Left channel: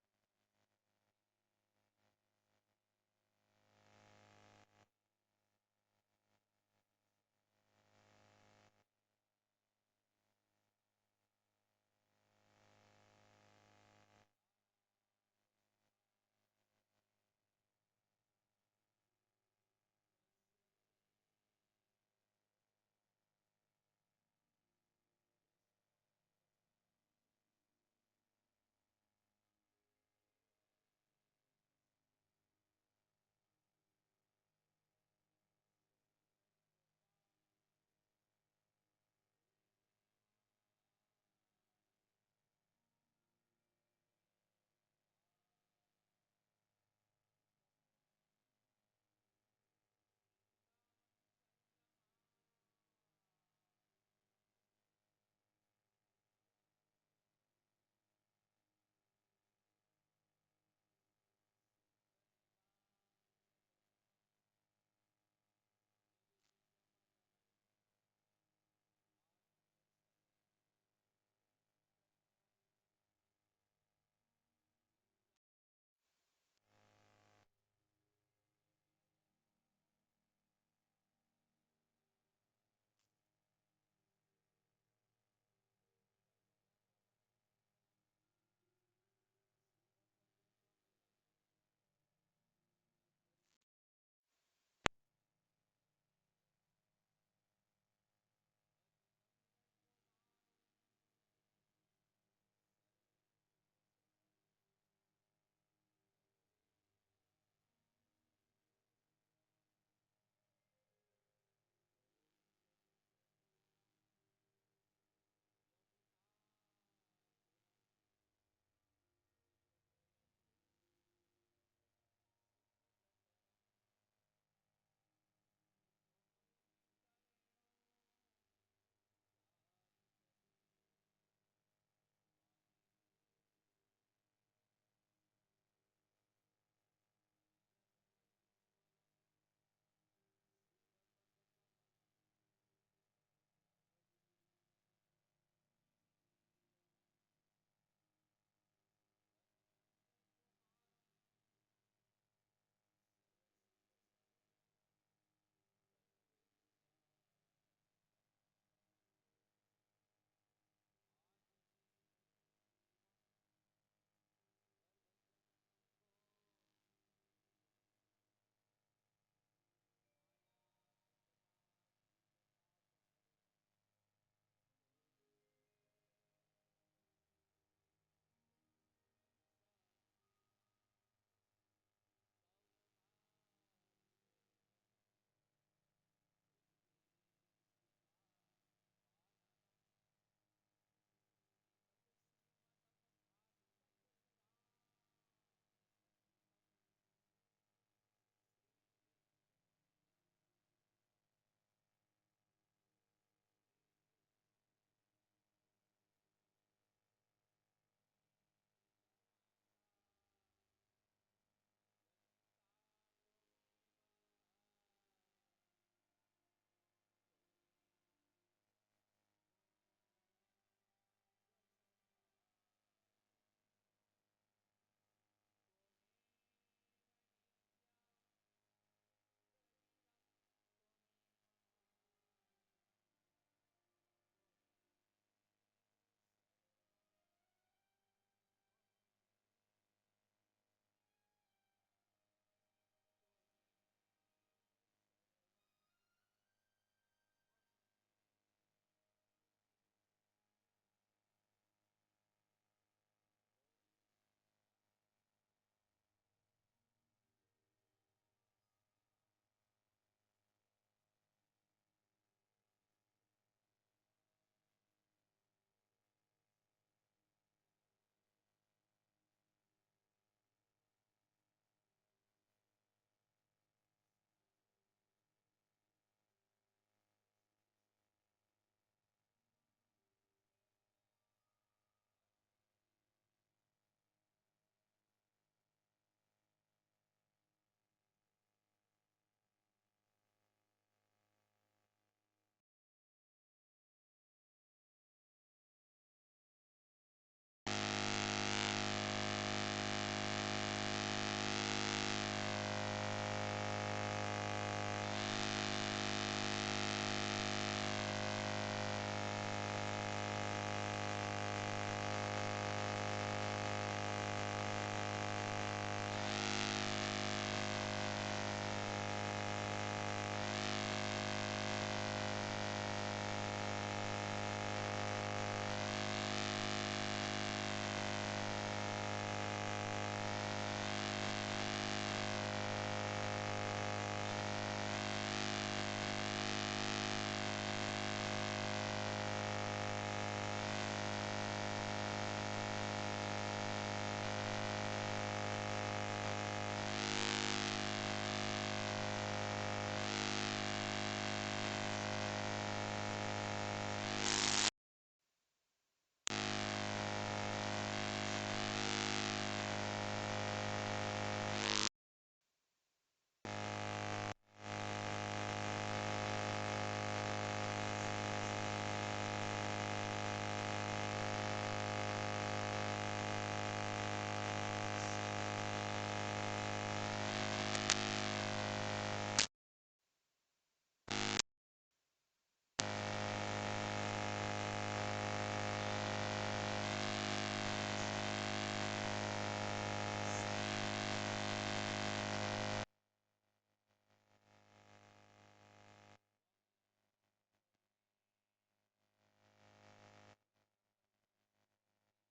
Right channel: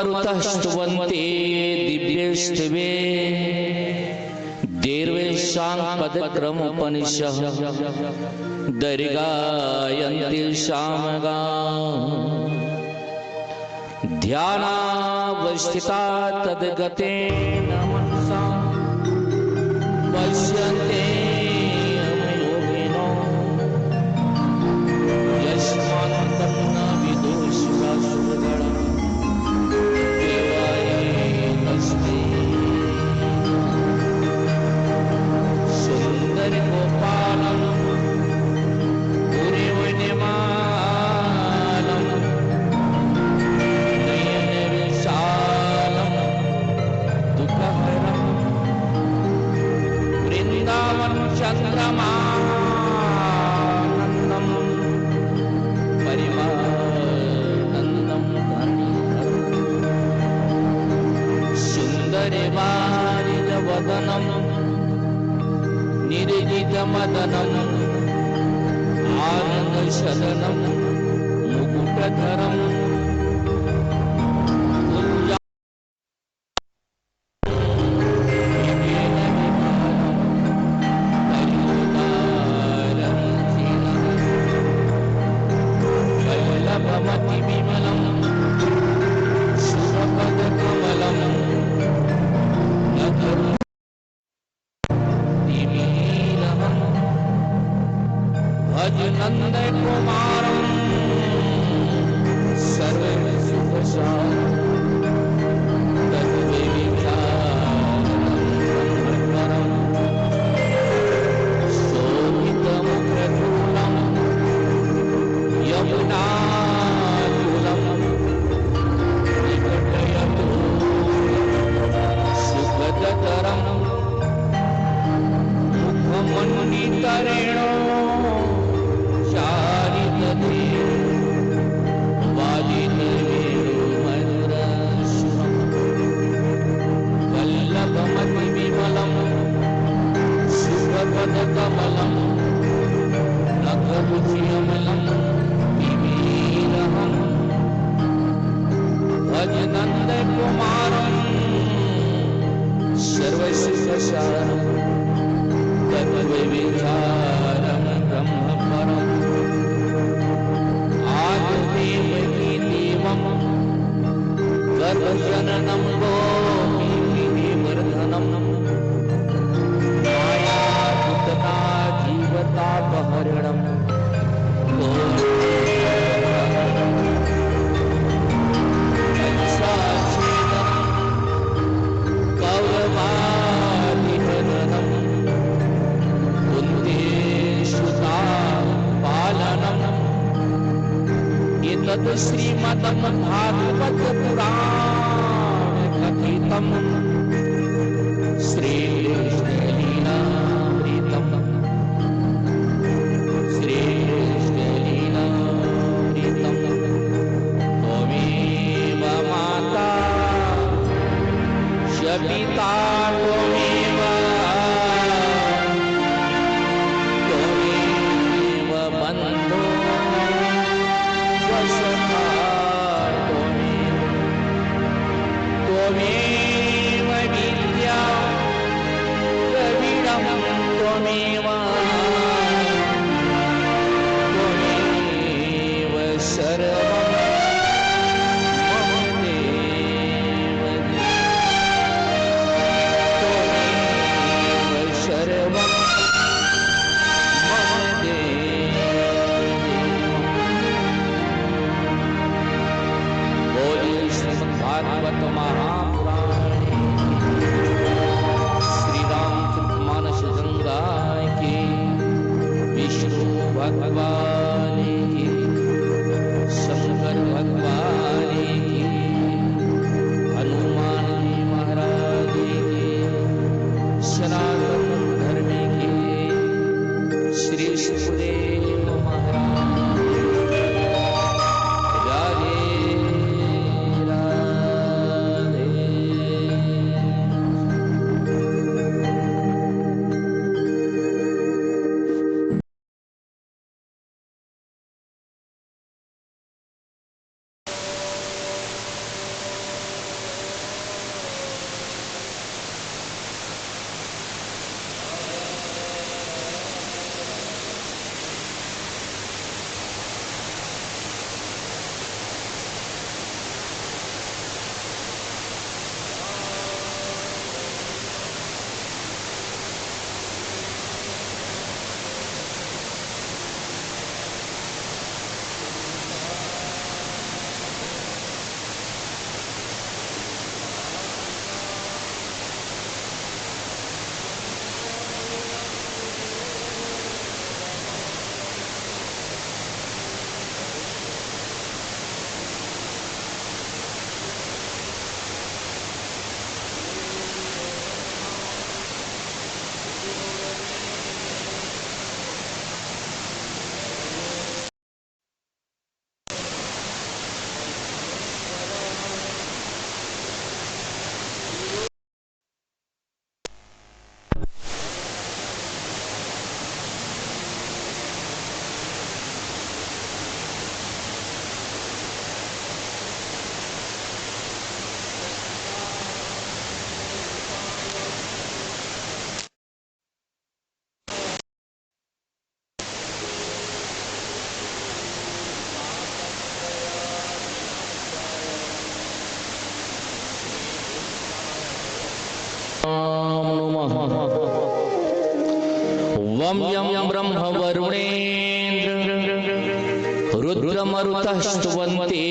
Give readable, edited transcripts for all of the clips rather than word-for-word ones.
स्तुवन्ते दिव्येष्टवे देर्वेशां पदक्रमोपनिषः दर्गायन्ति शामगा ध्यानावस्थिता तद्गतेन मनसा पश्यन्ते योगिनो यस्मान् तन्न विदुषुरासुरगणा सुंदर गोपालम पूर्वनिमालम नयन विशालम दुःखहरम वृंदावन चंद्रमानंदम परिमानंदम सुंदर वारिज वदनम निर्जित मदनम आनंद शदनम मुकुटधरम वल्लभमति विमलम सुरपद कमलम भज नंद कुमारम सर्व सुखसारम तद्विचारम शोभितमुखचूलम यमुनाचूलम निकटयतु सुखदतरम मुखमन्वितरेणो वल्लभमति विमलम सुभपदकमलम नखरुचियमलम विमीरहं भज नंद कुमारम सर्वसिद्धसारम तद्विचारम ब्रह्म परम आदिदेवकी देवम गर्भजननम गोपीवर्धनम मायापुतना जीवतापहरणम कौरवादिहरणम कुन्देशुता पालनम एतद् श्रीमद् भागवत पुराण कथितम श्री कृष्ण लीलामृतम श्री कृष्ण लीलामृतम त्वमेव माता च पिता त्वमेव बन्धो त्वमेव विद्या द्रविणं त्वमेव सर्वं मम देव त्वमेव सर्वं मम देव बोलिए श्रीमद्भागवत महापुराण श्री रामचरितमानस गंगा के नमः वं यं ब्रह्म वरुणेन्द्र रुद्रमरुतः स्तुवन्ते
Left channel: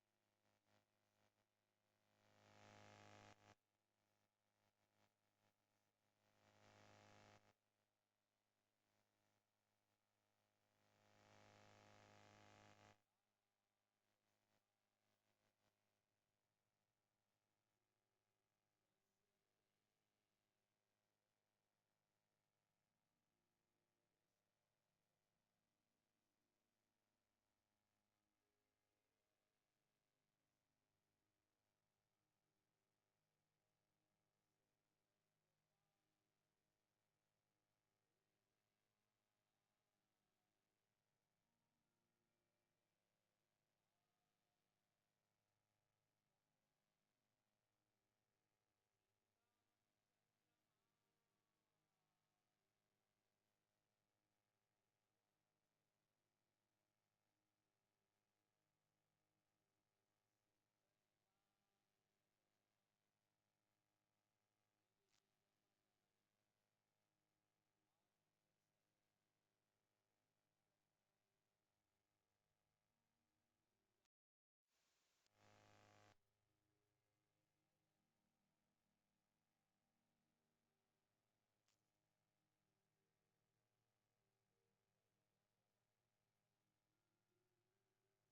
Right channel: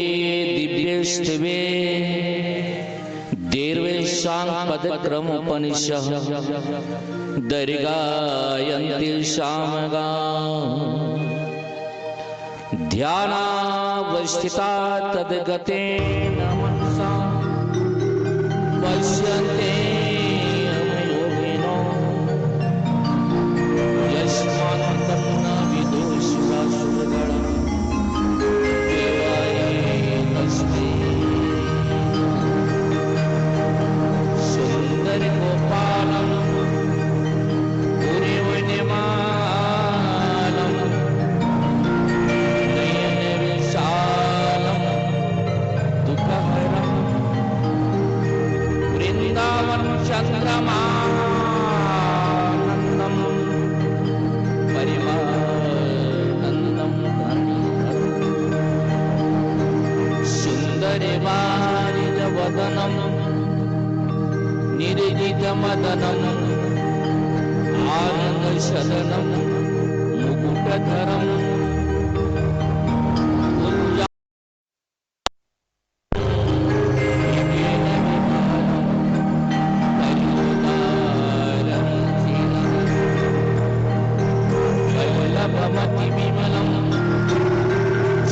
दिव्यैस्तिवे देर्वेषां पदक्रमोपनिषः दर्गायन्ति सामगाम् ध्यानावस्थिता तद्गतेन मनसा पश्यन्ते योगिनो यस्मात् तन्न विदुषुरासुरगणा देवाय तस्मै सुन्दर गोपालं पुरीवनिमालं नयनविशालं दुःखहरं वृन्दावन चन्द्रमानन्दं परिमानन्दं सुन्दरवारिजवदनं निर्जितमदनं आनन्दशदनं मुकुटधरं वल्लभमतिविमलं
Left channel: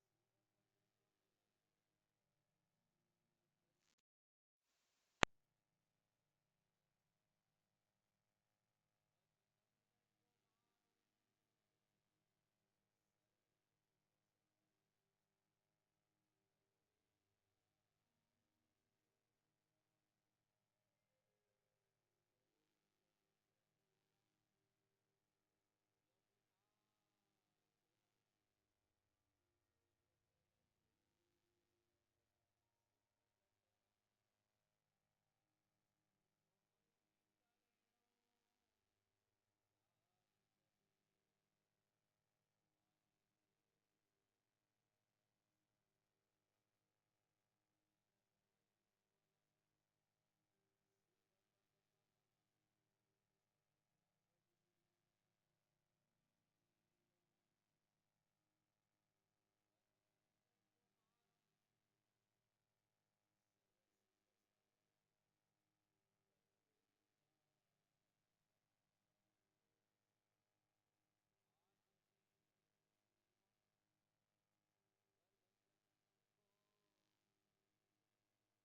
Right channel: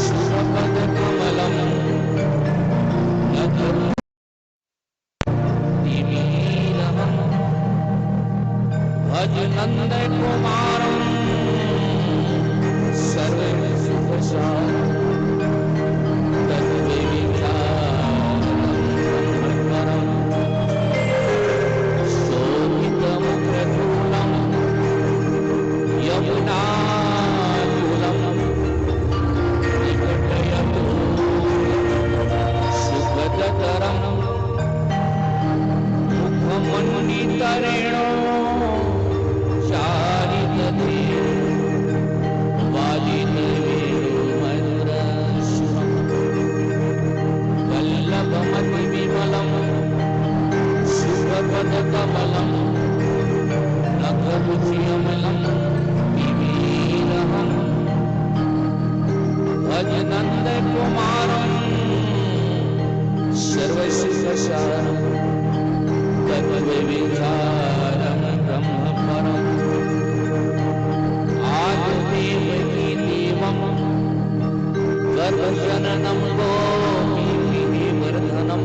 सुरपदकमलं नतरुतिमीलनं भज नन्दकुमारं सर्वसुखसारं तद्विविचारं शोभितमुग्रधूलं यमुनाकुलं निकटयतु सुखदतरं मुखमन्वितरेणो चारितते वादितवेणुमधुरस्वरं वल्लभमतिविमलं सुखपदकमलं नखरुचिअमलं विमीलहं भज नन्दकुमारं सर्वसुखसारं तद्विविचारं ब्रह्मपरम् आदिदेवकी देवं गर्भजननं गोपीवर्धनं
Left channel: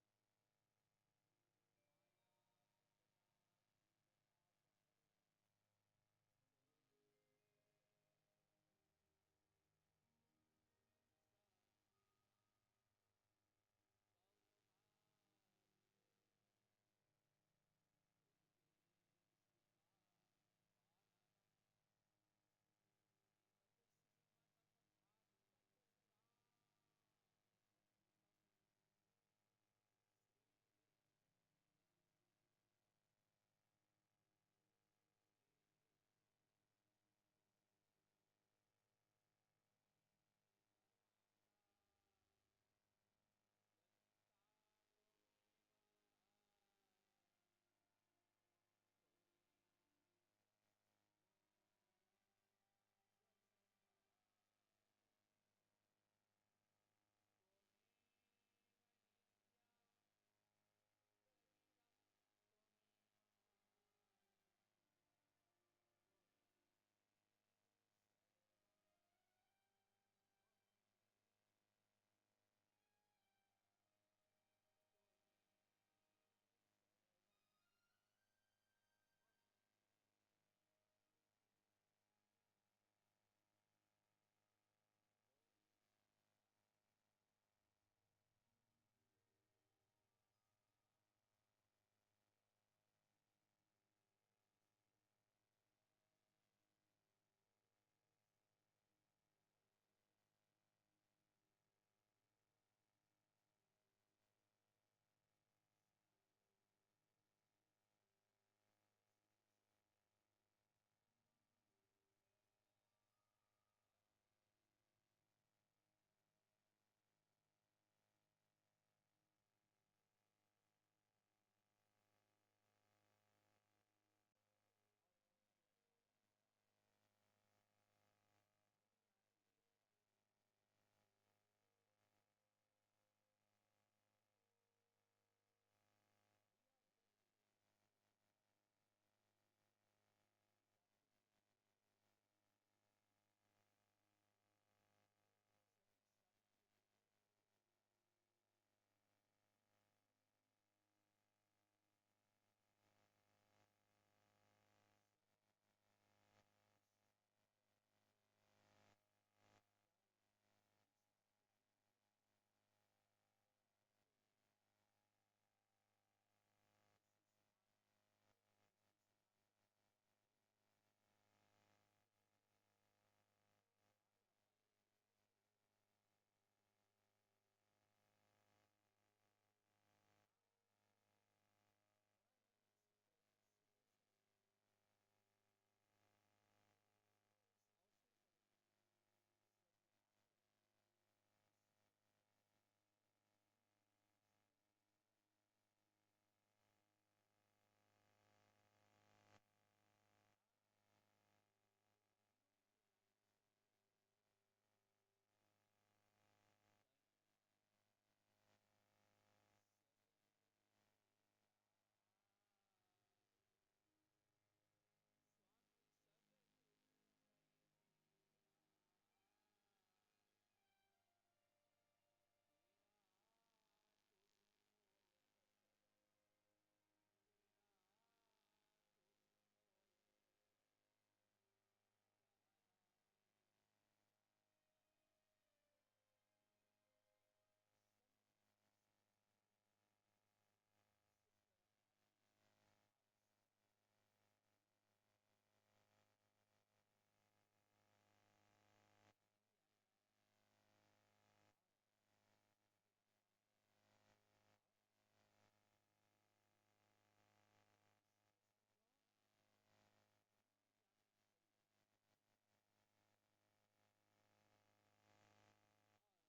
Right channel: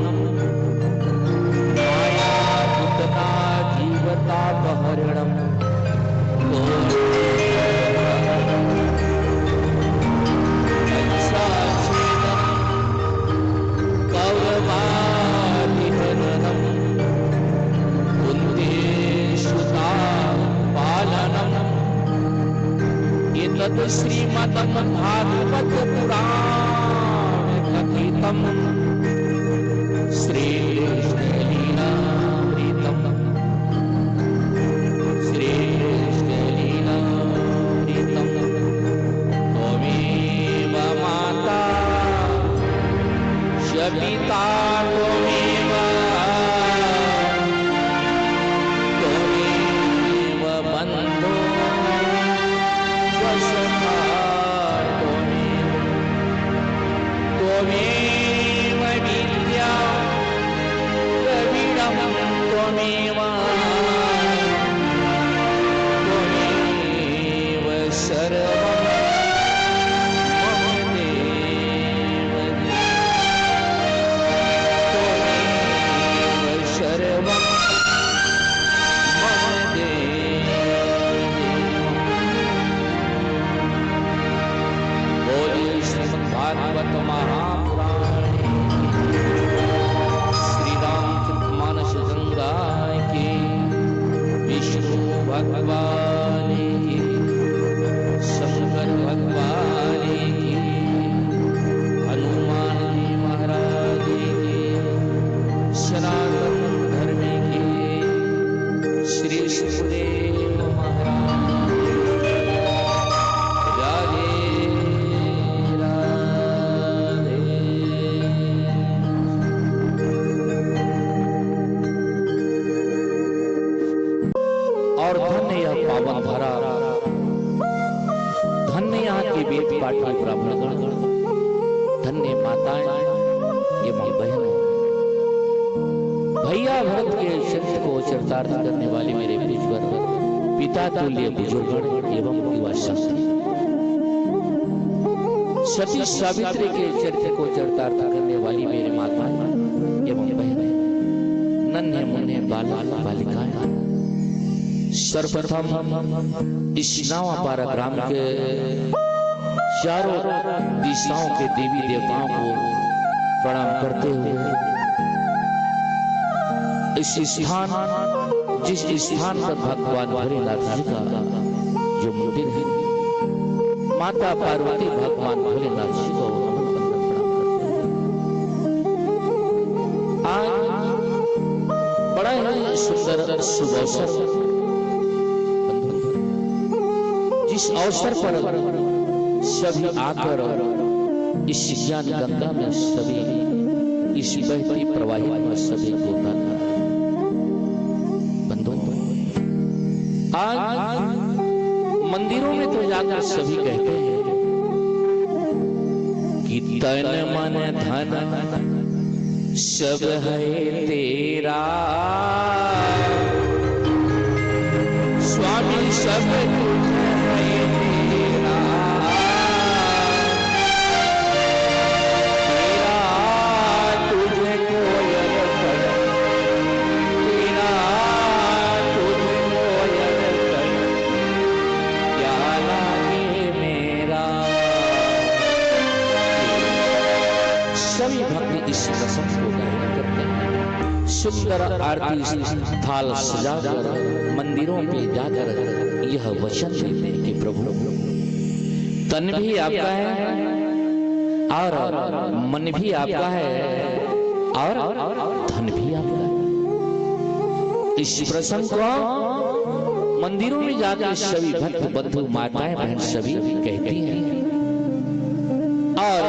मायापुतना जीवतापहरणं कौरवादिहननं कुन्देषुता पालनम् एतत् श्रीमद्भागवत पुराण कथितं श्रीकृष्णलीलामृतं श्रीकृष्णलीलामृतं त्वमेव माता च पिता त्वमेव बन्धो त्वमेव विद्या द्रविडं त्वमेव सर्वं मम देव त्वमेव सर्वं मम देव बोलिए श्रीमद्भागवत महापुराण श्री रामचरित मानस गंगा की विष्णु भगवान की शंकर भगवान की हनुमान जी महाराज की सनातन धर्म की श्री सुखदेव महाराज राधे राधे। और धन्य यह पावन धरा, धन्य यहाँ के वेद पाठी ब्राह्मणगण, धन्य माताएं एवं बहनों, भैया भरत के चरित्र को चरितार्थ करने वाले मेरे ईश्वर पिता तुल्य बुजुर्गण एवं युवा शक्ति, सती सावित्री के चरित्र को चरितार्थ करने वाली मेरे माताएं एवं बहनें, नन्हे मुन्ने बालक बालिकाएं, सर्वप्रथम इस नावापारा ग्राम के चारों दिशाओं के देवी देवताओं को प्रणाम करते हुए इस स्थान, जिस स्थान पर भगवान भोलेनाथ जी का जो मंदिर है, माता पार्वती भगवान भोलेनाथ जी को आज बड़ा ही सुंदर शुभ अवसर, जिस अवसर पर सभी आकर इस ज्ञान गंगा में सभी इस बहती प्रवाहित में सभी गोता बंधु, आज मंदिरों में तो जाकर सभी कहते हैं कि तन मन धन सब है तेरा, स्वामी सब कुछ है तेरा, तेरा तुझे कोई तेरा तुझे कोई क्या लागे मेरा। सभी भक्त इस प्रसंग को गायन करते हैं, सुंदर आरती थाल सजाकर मंदिरों पे जाकर यह वचन देते हैं कि प्रभु तन भी आपका है और मन भी आपका है और धन भी आपका है। इस प्रसंग को मंदिरों में जाकर सभी भक्त बंधु माताएं बहन सभी कहती हैं, और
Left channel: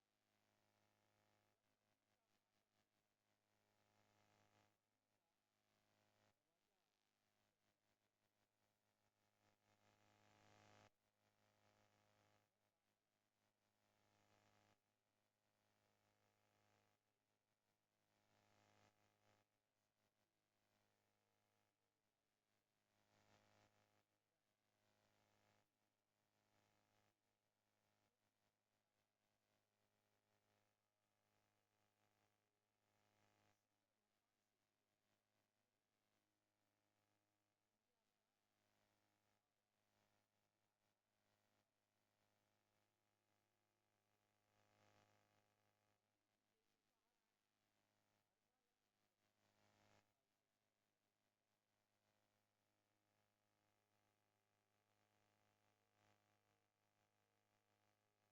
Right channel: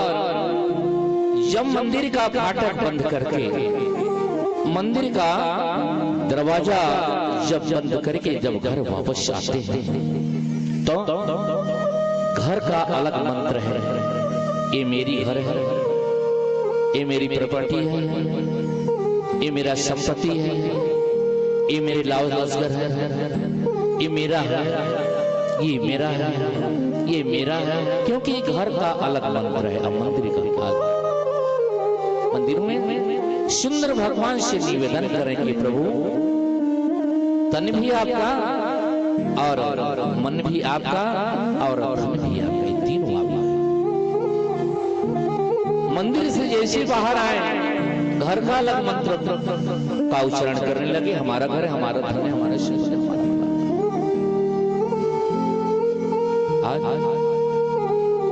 जब मंदिर का फाटक बंद करके, मंदिर का दरवाजा जब बंद करके जब घर वापस आते हैं तो घर का अलग मंत्र है, ये मेरी घर है, ये मेरी प्रॉपर्टी है, ये मेरा संपत्ति है, ये मेरे लाभ रोजगार है, ये मेरा है, ये मेरा है, ये मेरा है, क्योंकि घर का अलग मंत्र है। अब मंदिर का मंदिरों में सुंदर भगवान से निवेदन करें कि प्रभु तन भी आपका और मन भी आपका और धन भी आपका, ये तीनों आपका। मंदिर से जैसे बाहर आए घर का अलग मंत्र का उच्चारण करने लगे, हमारा घर है, हमारा धन है, हमारा शरीर है, हमारा आज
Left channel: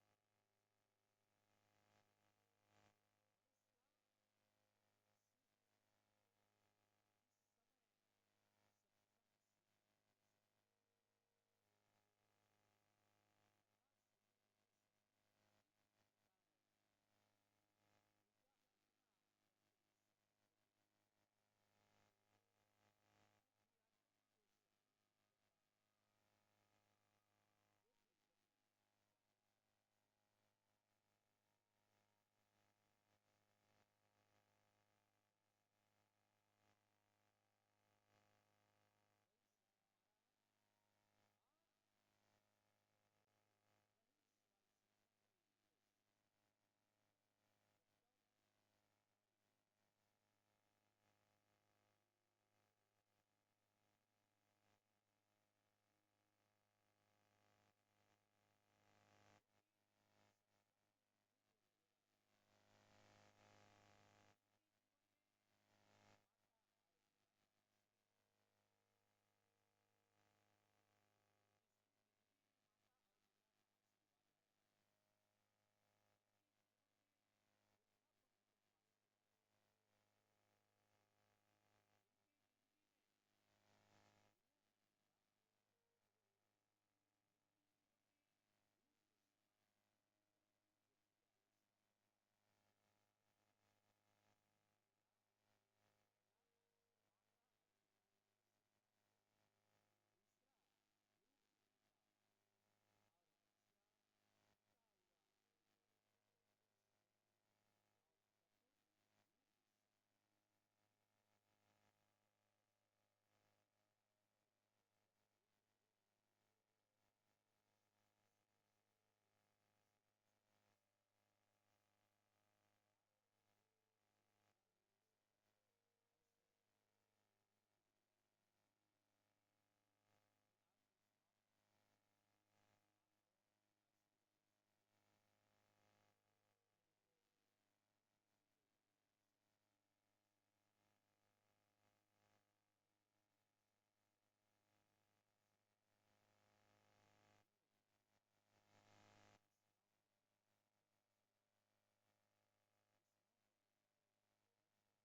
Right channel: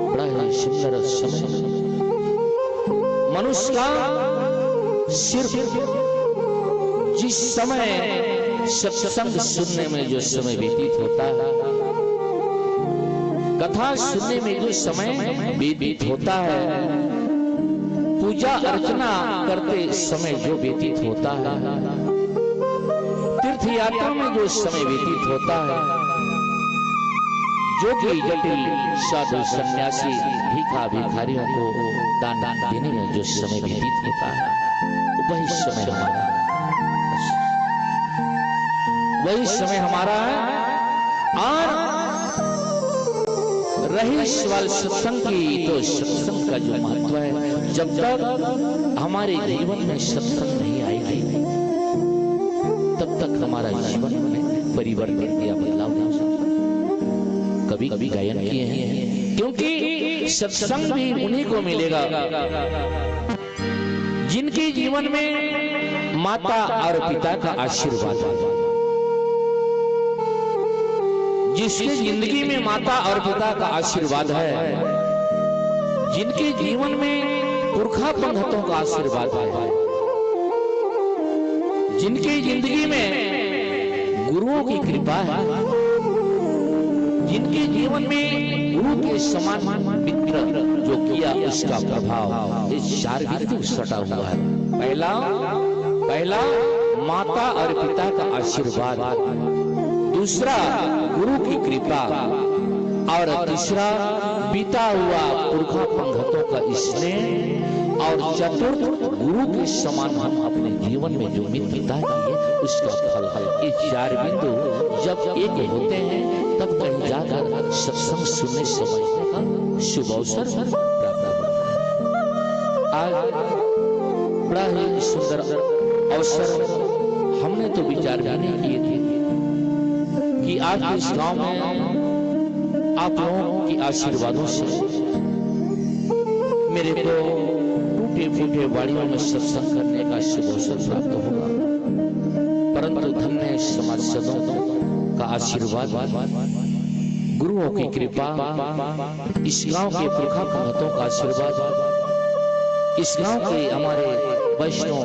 बड़ा ही सुंदर समय मनुष्य का सिर्फ जिस समय सत्संग सुनने में जो समय व्यतीत होता है, कथा सुनने में जो समय व्यतीत होता है, पूजा अर्चना करते समय जो व्यतीत होता है, तीर्थ यात्रा में जो समय व्यतीत होता है, जो कि जटिल साधु सन्यासी भिखा भिखारियों को दान देने में जो समय व्यतीत होता है, वही समय हमारा, वही समय हमारा है। और रही सवाल सत्संग की, तो सत्संग का जो महत्व है, जब तक हमारे जीवन में सत्संग नहीं आएगी तब तक हमारा जीवन में परिवर्तन या बदलाव नहीं हो सकता। कभी कभी गायन किए हैं, क्योंकि सत्संग भी उन्हीं को मिलेगा जिनके जीवन में माता और पिता का आशीर्वाद है, जिसके जिंदगी में माता और पिता का आशीर्वाद है, जिनके जीवन में पुरखा पंडितों का आशीर्वाद है, जिनकी जिंदगी में गुरुओं की कृपा है, जिनके जीवन में गुरु के समान मित्र जो किया उसका प्रभाव इस चार बिंदु सटा हुआ है। पहला माता और पिता का आशीर्वाद, दूसरा गुरु की कृपा और तीसरा बीता हुआ पुरखा पंगतों का स्नेह और चतुर्थ गुरु के समान हम अपने जीवन में जो मित्रता की उसका फल है। ये चार बिंदु जब एक होते हैं तब कहीं जाकर सत्संग सुनने समझने का शुभ अवसर प्राप्त होता है। आज बड़ा ही सुंदर अवसर हमने तो विचार भी नहीं किए थे कि आज इस गांव में आप लोगों की आशीर्वादों से मेरे को टूटे फूटे वाड़ियों में सत्संग करने का शुभ अवसर प्राप्त होगा, परंतु धन्य समाजसदों का आशीर्वाद, गुरुओं की कृपा, इस गांव के पुरखा पंगतों का आशीर्वाद, इस गांव के हमारे वैष्णव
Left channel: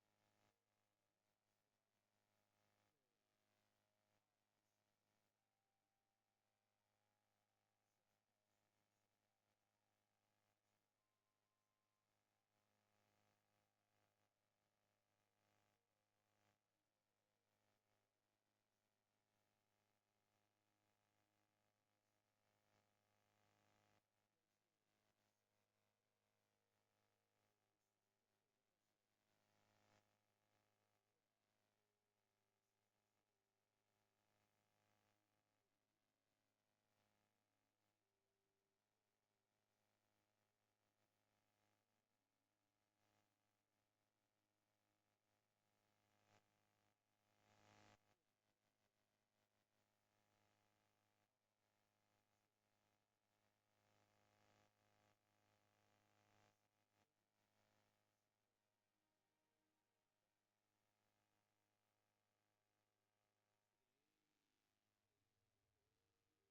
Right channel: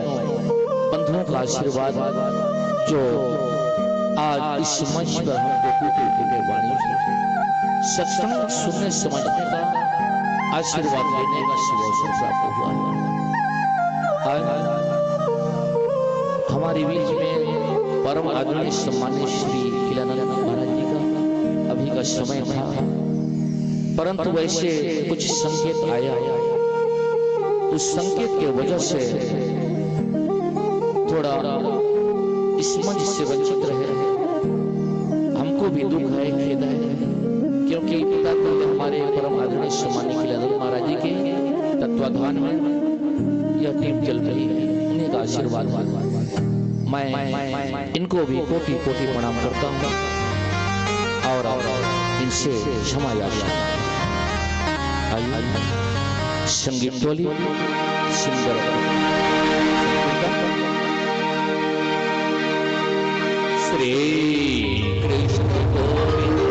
बंधुओं का आशीर्वाद जो आज इस मंच पर हमको टूटे फूटे वाणियों से सत्संग सुनने समझने का आशीर्वाद लेने का शुभ अवसर प्राप्त हुआ है। हमारे बीच में परम आदरणीय सम्मानित श्री खिलानंद महाराज जी का अभी का समय था, परंतु वैसे कुछ संकेत आया, उस संकेत के वजह से थोड़ा इस मंच से वंचित रहे। हमको भी दुख है, खेद है, क्योंकि पिता तो हमारे परम आदरणीय सम्मानित खिलानंद महाराज जी के तत्वाधान में यह टीम चल रही है, उन्हीं का आशीर्वाद मैं इनको भी कोटि कोटि प्रणाम करता हूँ और इनसे क्षमा याचना। आइए संगीत टोली सिंगर श्री कृष्ण गोविंद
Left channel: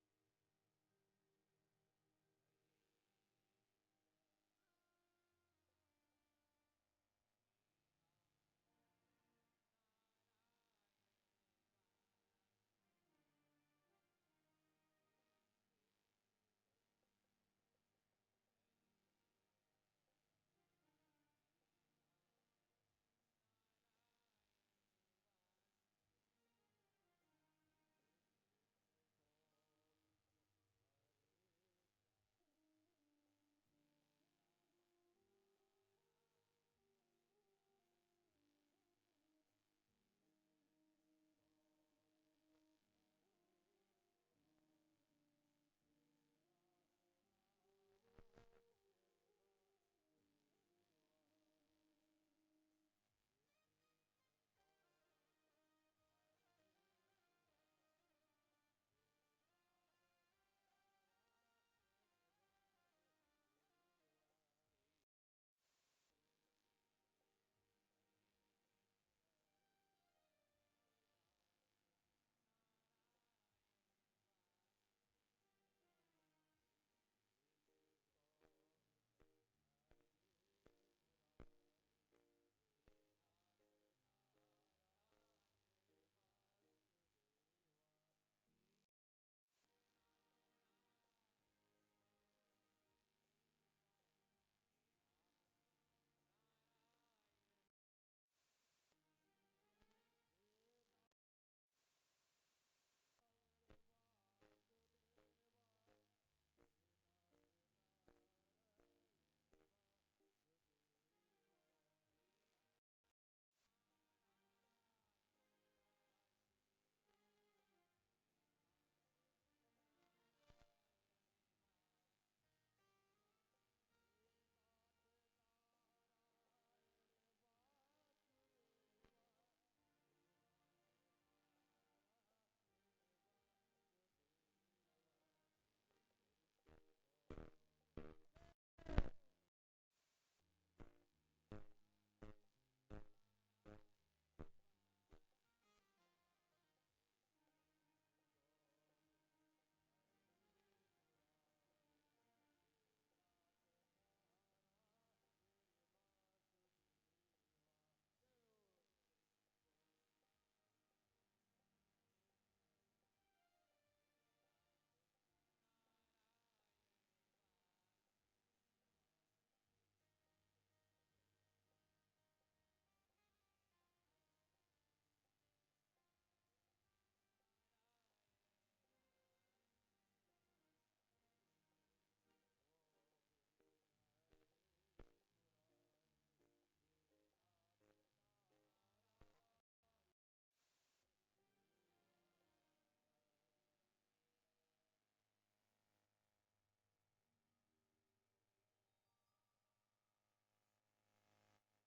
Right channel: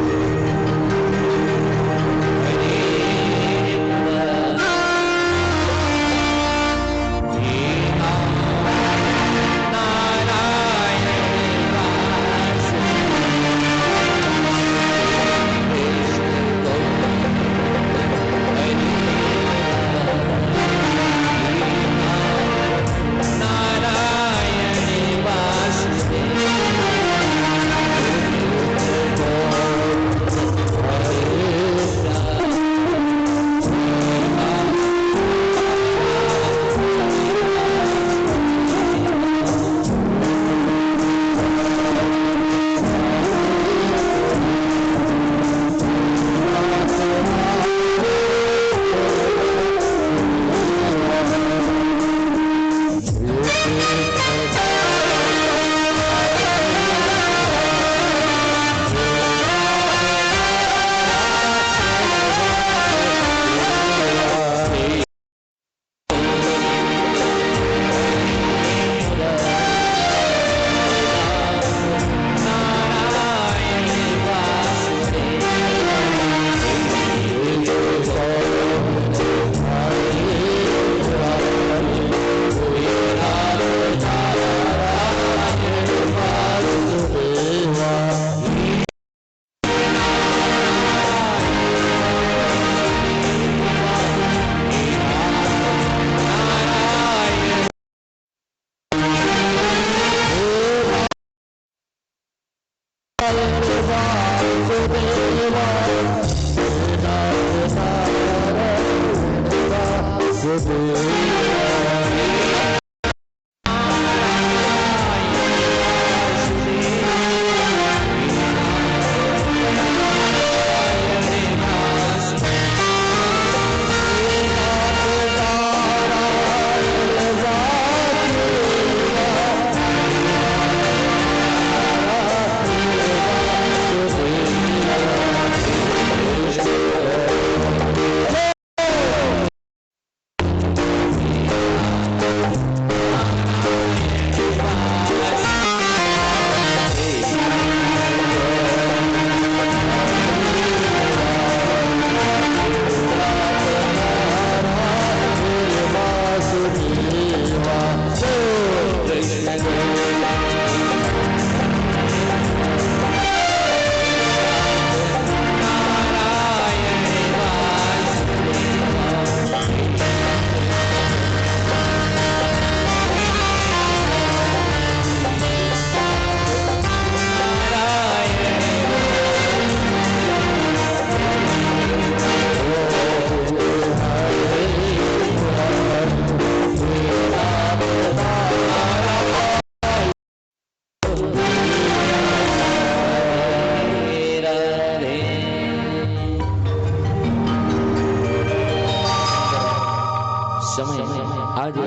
आज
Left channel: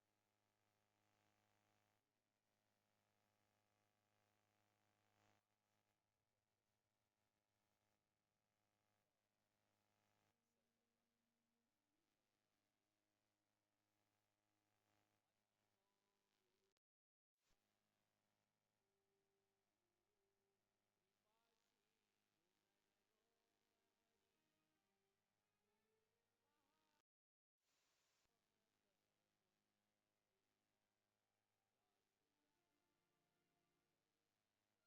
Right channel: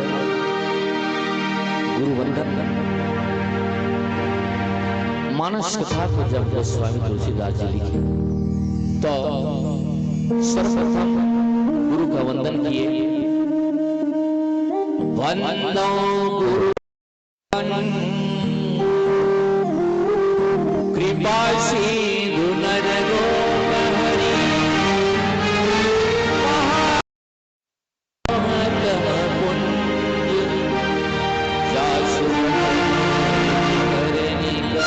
गुरु वंदन मानस कथा को जब गोस्वामी तुलसीदास जी लिखे तो सर्वप्रथम गुरु का वंदन किए। वंदो गुरु कृपा सिंधु नर रोग हरि महातम पुण्य जासु करनी कर।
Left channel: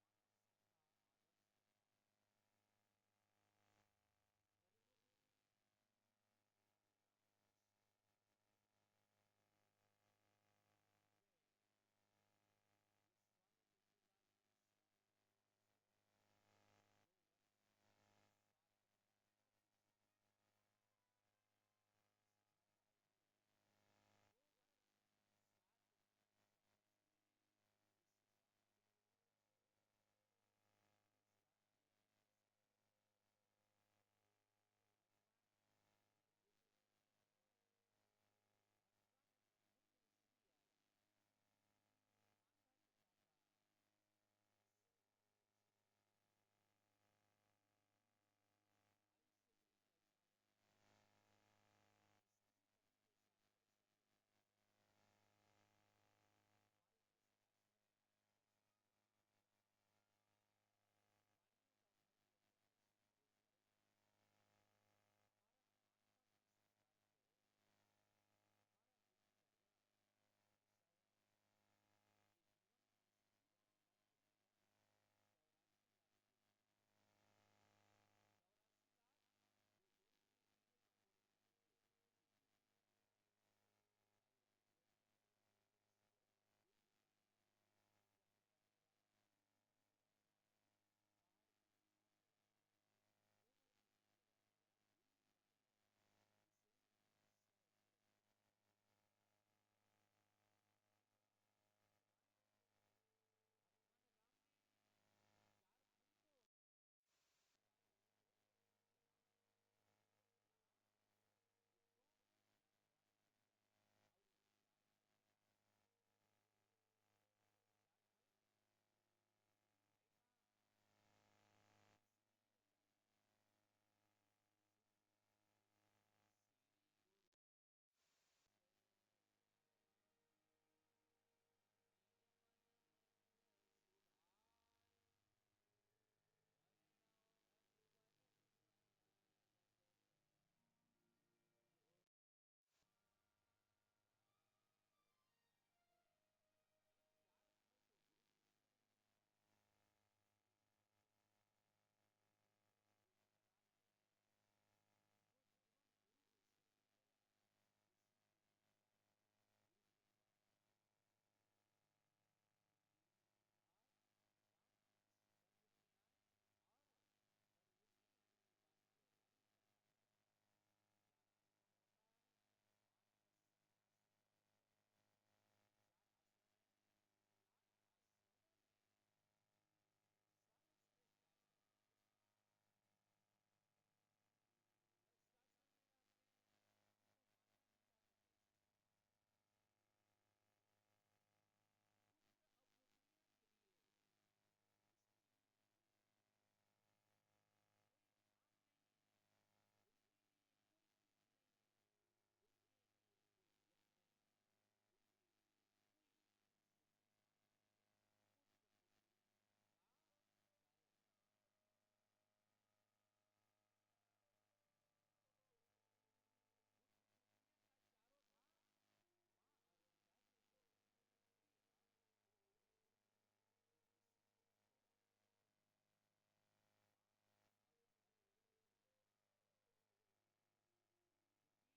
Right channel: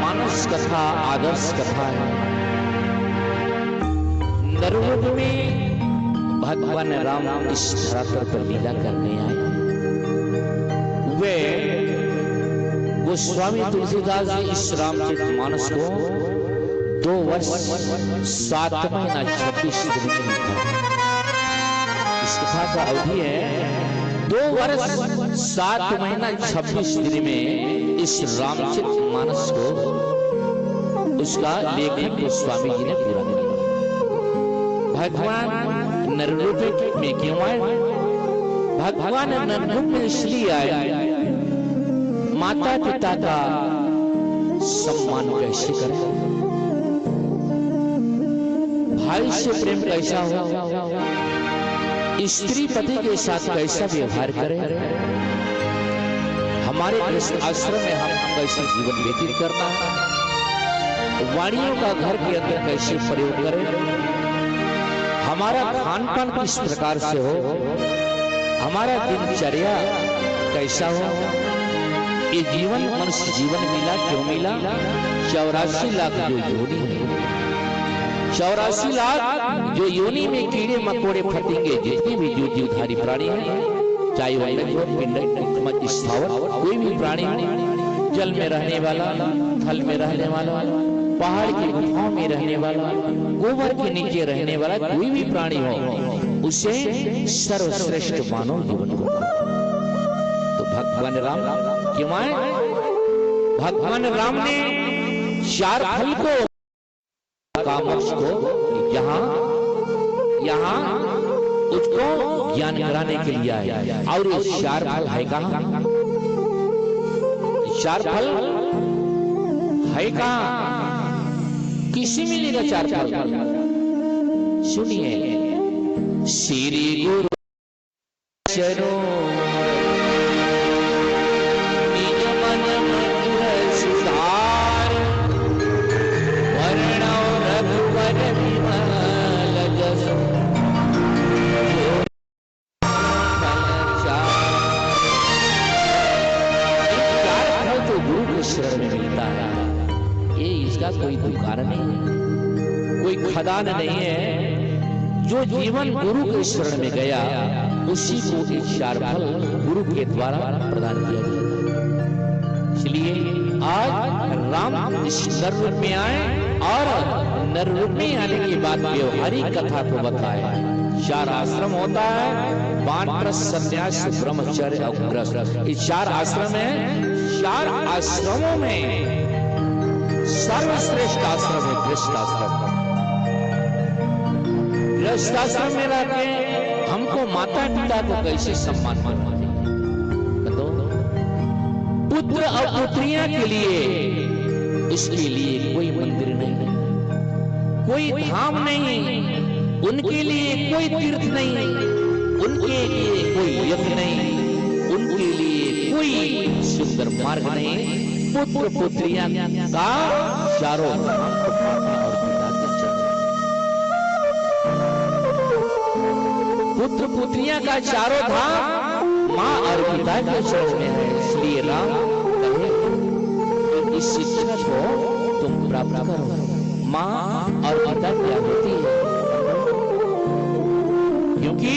मानस कथा आदर्श कथा है। नरयुग में भगवान राम इस धरातल पर लीला करने आए। वे गोस्वामी तुलसीदास जी इस रामचरित मानस को 2 वर्ष 7 महीना 26 दिन में लिखा। इस कथा का अवधि है 2 वर्ष 7 महीना 26 दिन में इस रामचरित मानस को उसका लेखन गोस्वामी जी ने पूरा किया। भगवान नररूप में क्यों आए? भगवान नररूप में इसलिए आए, माता पिता का सम्मान कैसे करें, भाई से प्रेम कैसा हो, स्त्री पति के साथ कैसा व्यवहार करें, हमारे गृहस्थ आश्रम में हम कैसे जीवन व्यतीत करना है, वाणियों का घर के अंदर कैसे प्रयोग करें, हमारा खान पान किस प्रकार से हो, हमारा दिनचर्या कैसा हो। ये जीवन मनुष्य जीवन मिला क्यों मिला? 84 लाख जो योनि है, 84 लाख जो योनि में कीड़े मकोड़े फतिंगे जितने भी जीवधारी प्राणी हैं, चाहे वो पिंड स्थावर कोई भी प्राणी हो, जल में रहने वाला, थल में रहने वाला, पहाड़ की गुफाओं में रहने वाला, गोबर के नीचे रहने वाला कोई भी प्राणी हो, उसे सर्वश्रेष्ठ मानव जीवन को। तो भगवान राम क्यों आए? भगवान राम ने 4 फल को कामोक्ष को यहाँ उसको ज्ञान कराने के लिए आए। और ये 4 फल है कहाँ? 4 फल है कहाँ? किसी मिलेगा 4 फल? सुनिए, श्री गुरु चरणों निज मन मधुर सुधार, वर्णौ रघुवर विमल जसु, तो गुरु के शरण में मिलता है। ये इसका कोई दुकान नहीं है, कोई खदान नहीं है। जो जीवन गुरु के शरण में गया उसी को ये 4 फल गुरु के द्वारा प्रदान किया जाता। इसलिए आज राम इस नर रूप में आए और नर रूप में आने के बाद व्यवहारिक कथा को बताया। 4 आश्रम होता है, वानप्रस्थ, सन्यास, ब्रह्मचर्य और गृहस्थ। ये 4 आश्रम है। 4 आश्रमों में सर्वश्रेष्ठ आश्रम है गृहस्थ आश्रम। गृहस्थ आश्रम में रहकर हमको माता पिता को कैसे सम्मान करना चाहिए? पुत्र और पुत्रियां के लिए उसके लिए कोई मंदिर नहीं, कोई धाम नहीं, उनके लिए कोई तीर्थ नहीं, उनके लिए कोई यज्ञ नहीं, उनके लिए कोई सुंदर मार्ग नहीं। पुत्र पुत्रियां का चारों धाम को माता और पिता के चरण। पुत्र पुत्रियां का चारों धाम माँ और पिता के चरण में है। इसलिए राम कहे इस शिक्षा को तुम प्राप्त करो। माँ और पिता क्या होती है? क्योंकि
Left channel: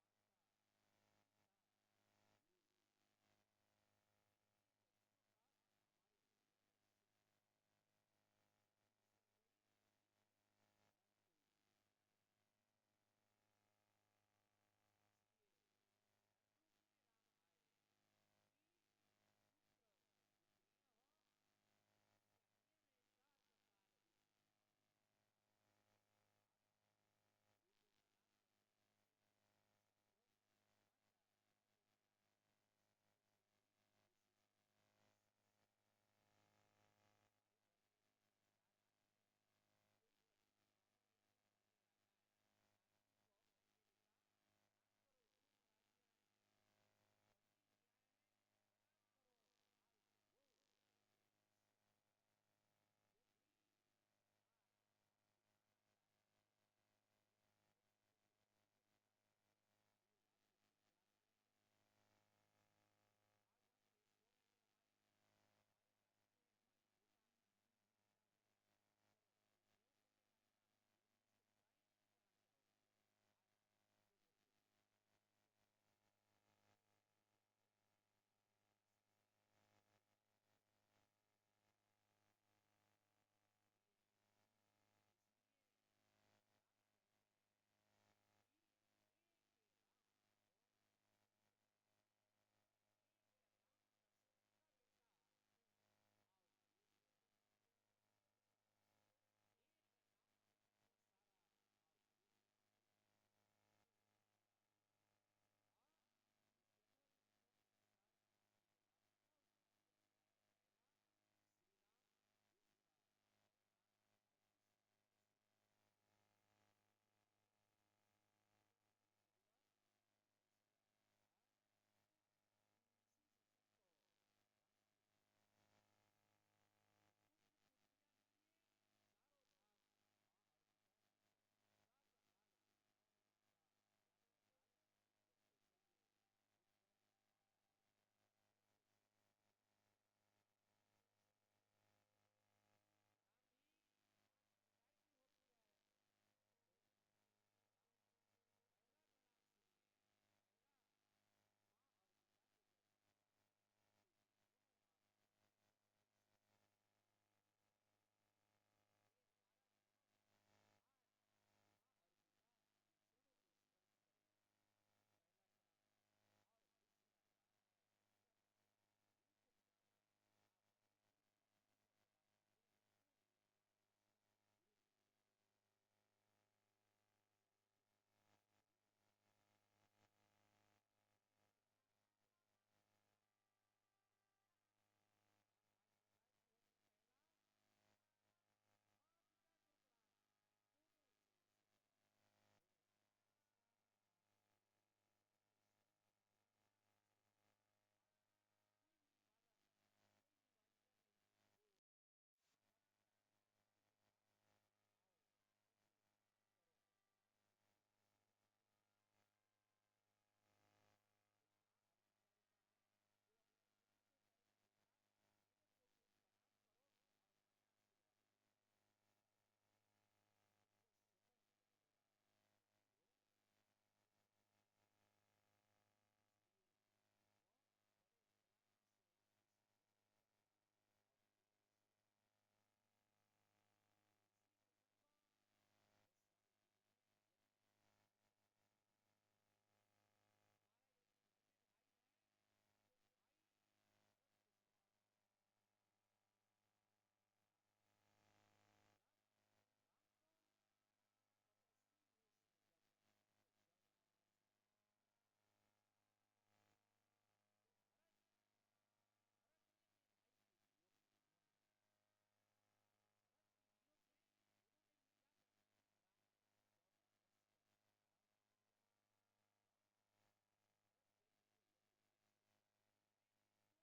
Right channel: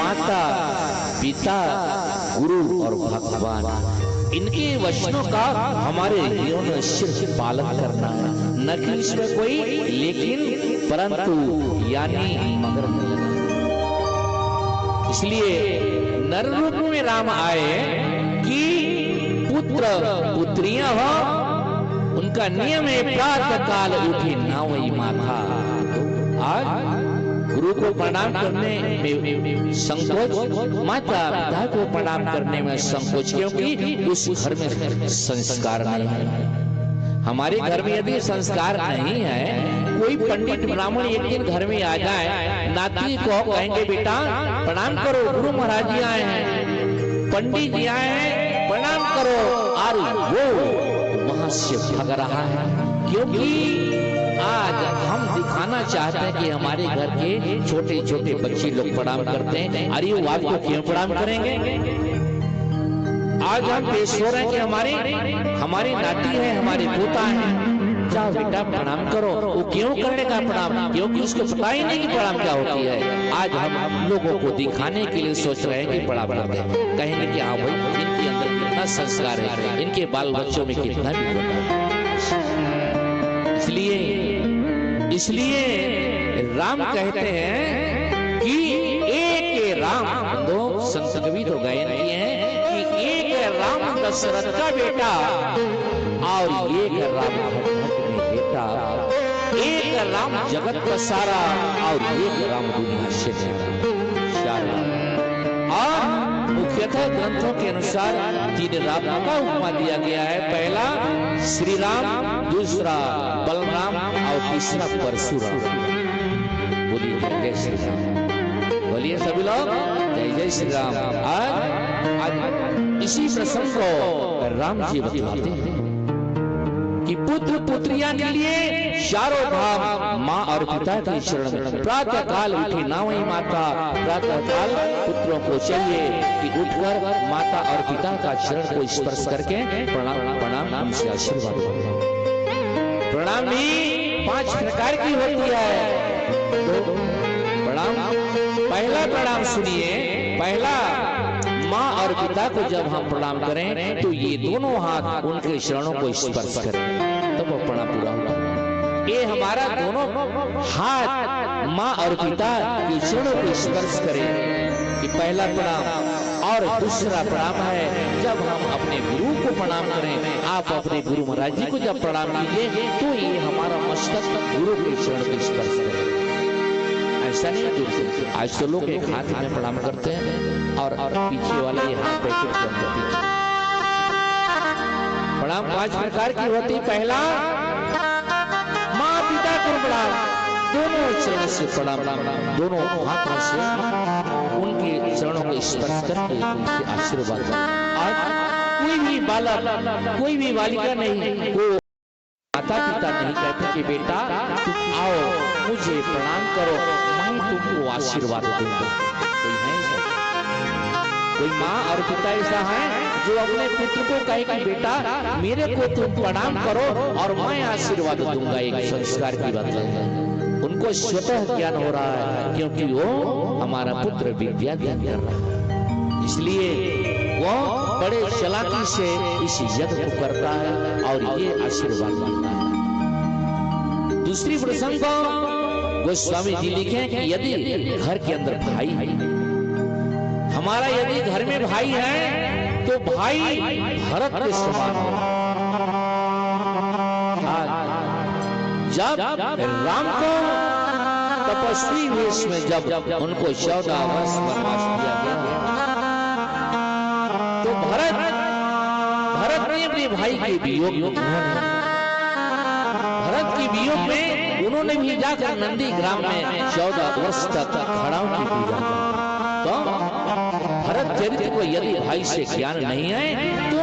माता पिता गुरु और माता पिता गुरु और भगवान, इनके वचनों का हमारे जीवन में सिर्फ पालन करना है, न कि इसमें कोई लेकिन परंतु यानी मगर नहीं लगा। इसलिए नर रूप में राम आए कि पुत्र पुत्रियां हो, उनका नियम है प्रातः काल उठी ना वही माथा। आज गुरु को प्रणाम करने में संकोच, माता पिता को प्रणाम करने में संकोच, क्योंकि उस घर में संस्कार नहीं है। हमारे घर में यदि संस्कार नहीं है, कोई पंडित ब्राह्मण एक दिन घर में आ जाए, नाती को कहेंगे बेटा प्रणाम करो, गुरु महाराज जी आए हैं, पंडित जी आए हैं, प्रणाम करो, और वो वहां से भाग रहा है। क्योंकि आज हम दिखाना चाहते हैं कि हमारे घर के छोटे छोटे बच्चे लोग प्रणाम करते हैं, अरे वो आपको क्यों प्रणाम करेंगे? आज हम पेश हो रहे हैं कि हमारे नाती है, हमारे पोता है, जाओ बेटा प्रणाम करो। वो क्यों करने का प्रणाम? क्योंकि उसको पता ही नहीं कि प्रणाम क्या होती है। आज हम लोगों को दिखाने के लिए सोच रहे हैं कि प्रणाम करते हैं, कहेंगे कि हाँ भाई इनके अंदर कितना संस्कार है, इनके बाल बच्चों में कितना भी होता है। इसलिए राम कहते हैं कि एक राम, दो संत कवि तो गायन किए हैं कि एक राम दशरथ का बेटा और एक राम भट्ट में बेटा, एक राम जगत का सारा और एक राम दुनिया से न्यारा। और मुख्यतः ग्रंथों के अनुसार तीन राम का उपमा दिया गया है। पहला श्री राम, दूसरा बलराम और तीसरा परशुराम। बोलिए जय श्री राम, बोलिए सभी लोग जय जय श्री राम। आज इसी प्रसंग को राम जी बतलाते हैं कि पुत्र पुत्रियां के लिए चारों धाम माँ और पिता के शरण। प्रातः काल उठी ना वही माता, प्रातः काल पुत्रों को चाहिए कि उठकर माता और पिता का चरण को स्पर्श करके प्रणाम उनसे आशीर्वाद करें। प्रणाम भी 5 प्रकार की होती है। तो प्रणाम, पहला प्रणाम सुनिए। पहला, माँ और पिता को जब हम प्रणाम करें तो ये दोनों हाथ उनके चरणों को स्पर्श करें, तब वो प्रणाम पूरा होगा। ये हमारा दोनों हाथ माँ और पिता के चरणों को स्पर्श करें, ये पहला प्रणाम। और दूसरा प्रणाम है जब हम अपने गुरु को प्रणाम करें। आप अपने गुरु महाराज जी को जब प्रणाम कीजिए तो ये हमारा मस्तक गुरु के चरण को स्पर्श करें। ऐसा नहीं, आज तो लोग एक हाथ में प्रणाम करते हैं और पीछे वाला ये हाथ पैकेट के अंदर पीछे। प्रणाम 5 प्रकार की होती। पहला, माँ पिता को प्रणाम, दोनों चरण से प्रणाम, दोनों हाथों से उनके चरणों को स्पर्श करके उनसे आशीर्वाद। आज कोई भी बालक, कोई भी बालिका नहीं, वो माता पिता नहीं कहते कि बेटा तुम आओ मुझे प्रणाम करो, मैं तुमको आशीर्वाद दूंगा। कोई है ऐसा? कोई माँ और पिता ऐसा है जो अपने पुत्र को कहे कि बेटा मेरे को तुम प्रणाम करो और मैं आशीर्वाद दूंगा? एक संस्कार की बात है। उनको स्वतः ज्ञान हो रहा है क्योंकि वो हमारा पुत्र विद्या ज्ञान कर रहा है, इसलिए वो बड़े चालाकी से इस यज्ञ को करता है और ये आशीर्वाद देता है। दूसरी प्रसंग को गोस्वामी जी लिखे कि यदि घर के अंदर भाई है, हमारा यदि घर में भाई है तो भाई भरत के समान है। जब राम को तपस्वी वेश में जब उनको 14 वर्ष वनवास दिया गया तो भरत ने अपने भाई के वियोग में, भरत के वियोग में उन्होंने भी जाकर नंदी ग्राम में 14 वर्ष तक खड़ाओं की पूजा की। तो भरत चरित्र को यदि भाई से ज्ञान नहीं है तो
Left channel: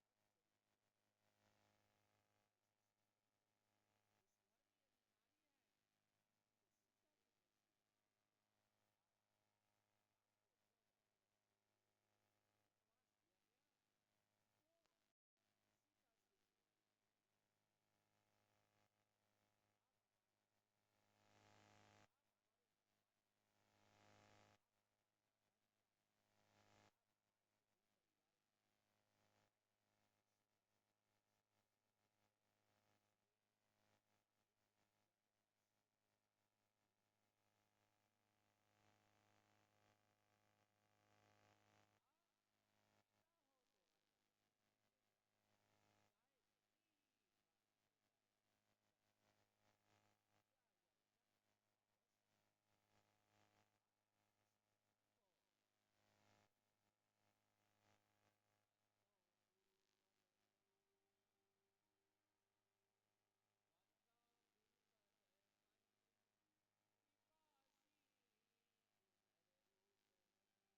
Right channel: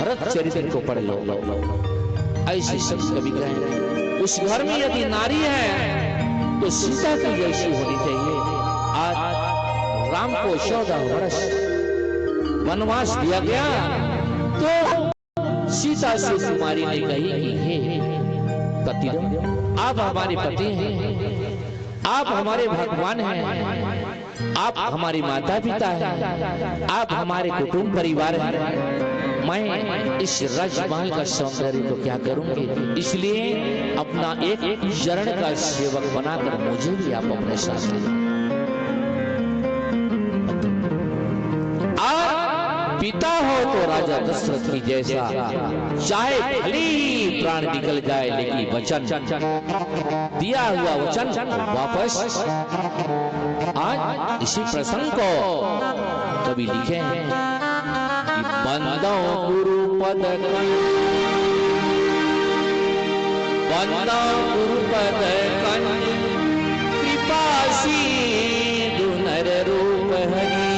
भरत चरित्र को पढ़ लो। ऐसे सब कभी कहें उस घर में यदि नारी है तो सीता की जैसी होनी चाहिए। आज राम को 14 वर्ष वनवास दिया गया तो सीता से कुमारी ने कही कि हे पति, आप हमारे पति हैं, आप हमारे भगवान हैं, आप हमारे माता पिता हैं, आप हमारे कुटुंब परिवार हैं, मैं इस राजमहल का सौंदर्य तो क्या करूंगी, इसलिए अपना एक चरण का सेवक बनाकर मुझे भी आप अपने साथ लें। पिता हो तो राजा दशरथ की जैसा, चाहे भले ही प्राण निकल जाए लेकिन वचन, दिया हुआ वचन वापस। आज इसी प्रसंग को कवि लिखे हैं कि बंदो गुरु पद कृपा सिंधु नर रूप हरि,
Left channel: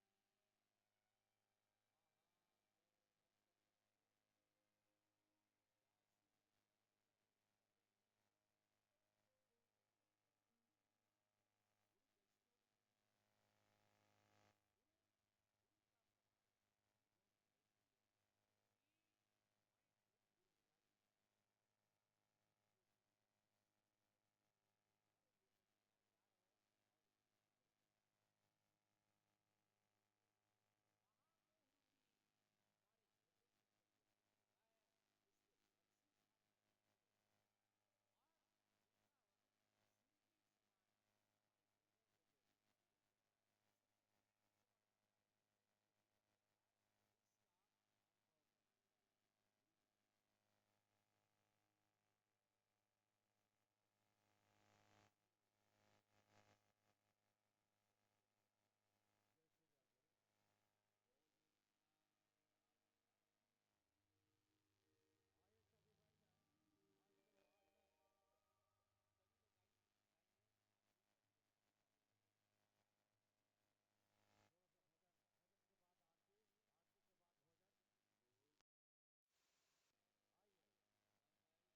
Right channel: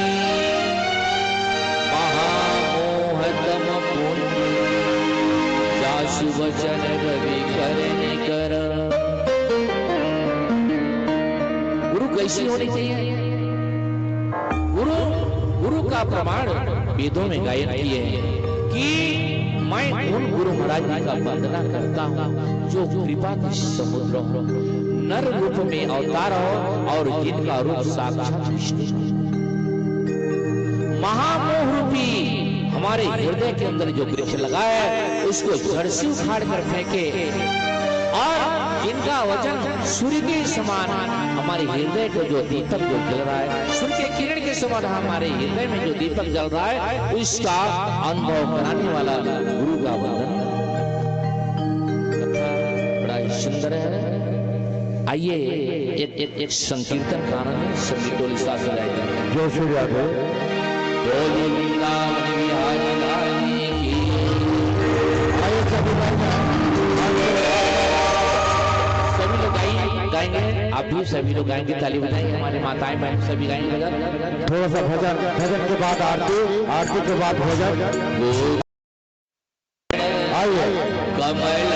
महामोहतम पुण्य जासु वचन रवि करने कर। गुरु कैसी होनी चाहिए? गुरु का प्रमाण वेदों में गायन किए हैं कि मैं उन गुरु महाराज जी का वंदना करता हूँ जो कृपा के समुद्र हो, नर रूप में अवतार हो और जिनका रूप साक्षात विष्णु, महामोह रूपी हमारे हृदय के अंदर जो वृक्ष लगा है उसको जड़ से उखाड़ कर फेंके, और जिनका वचन सूर्य के समान हमारे हृदय को जो दीपक जो जल रहा है, सूर्य के किरण के समान हमारे हृदय में जो दीपक जल रहा है, उसका अनुभव कराने वाला गुरु का वंदन बड़ा ही सुंदर है। आइए एक संकीर्तन गाना है, सभी टोली साथ जाएंगे। जो सूर्य डोली वृंदावन बिहारी लाली की। आइए सभी लोग गाएंगे, आप भी सभी लोग गाएंगे, ताली बजाएंगे, हमारे माताएं बहन सभी गाएंगे। थोड़ा सा भजन के बाद आरती के बाद भजन। आइए कमल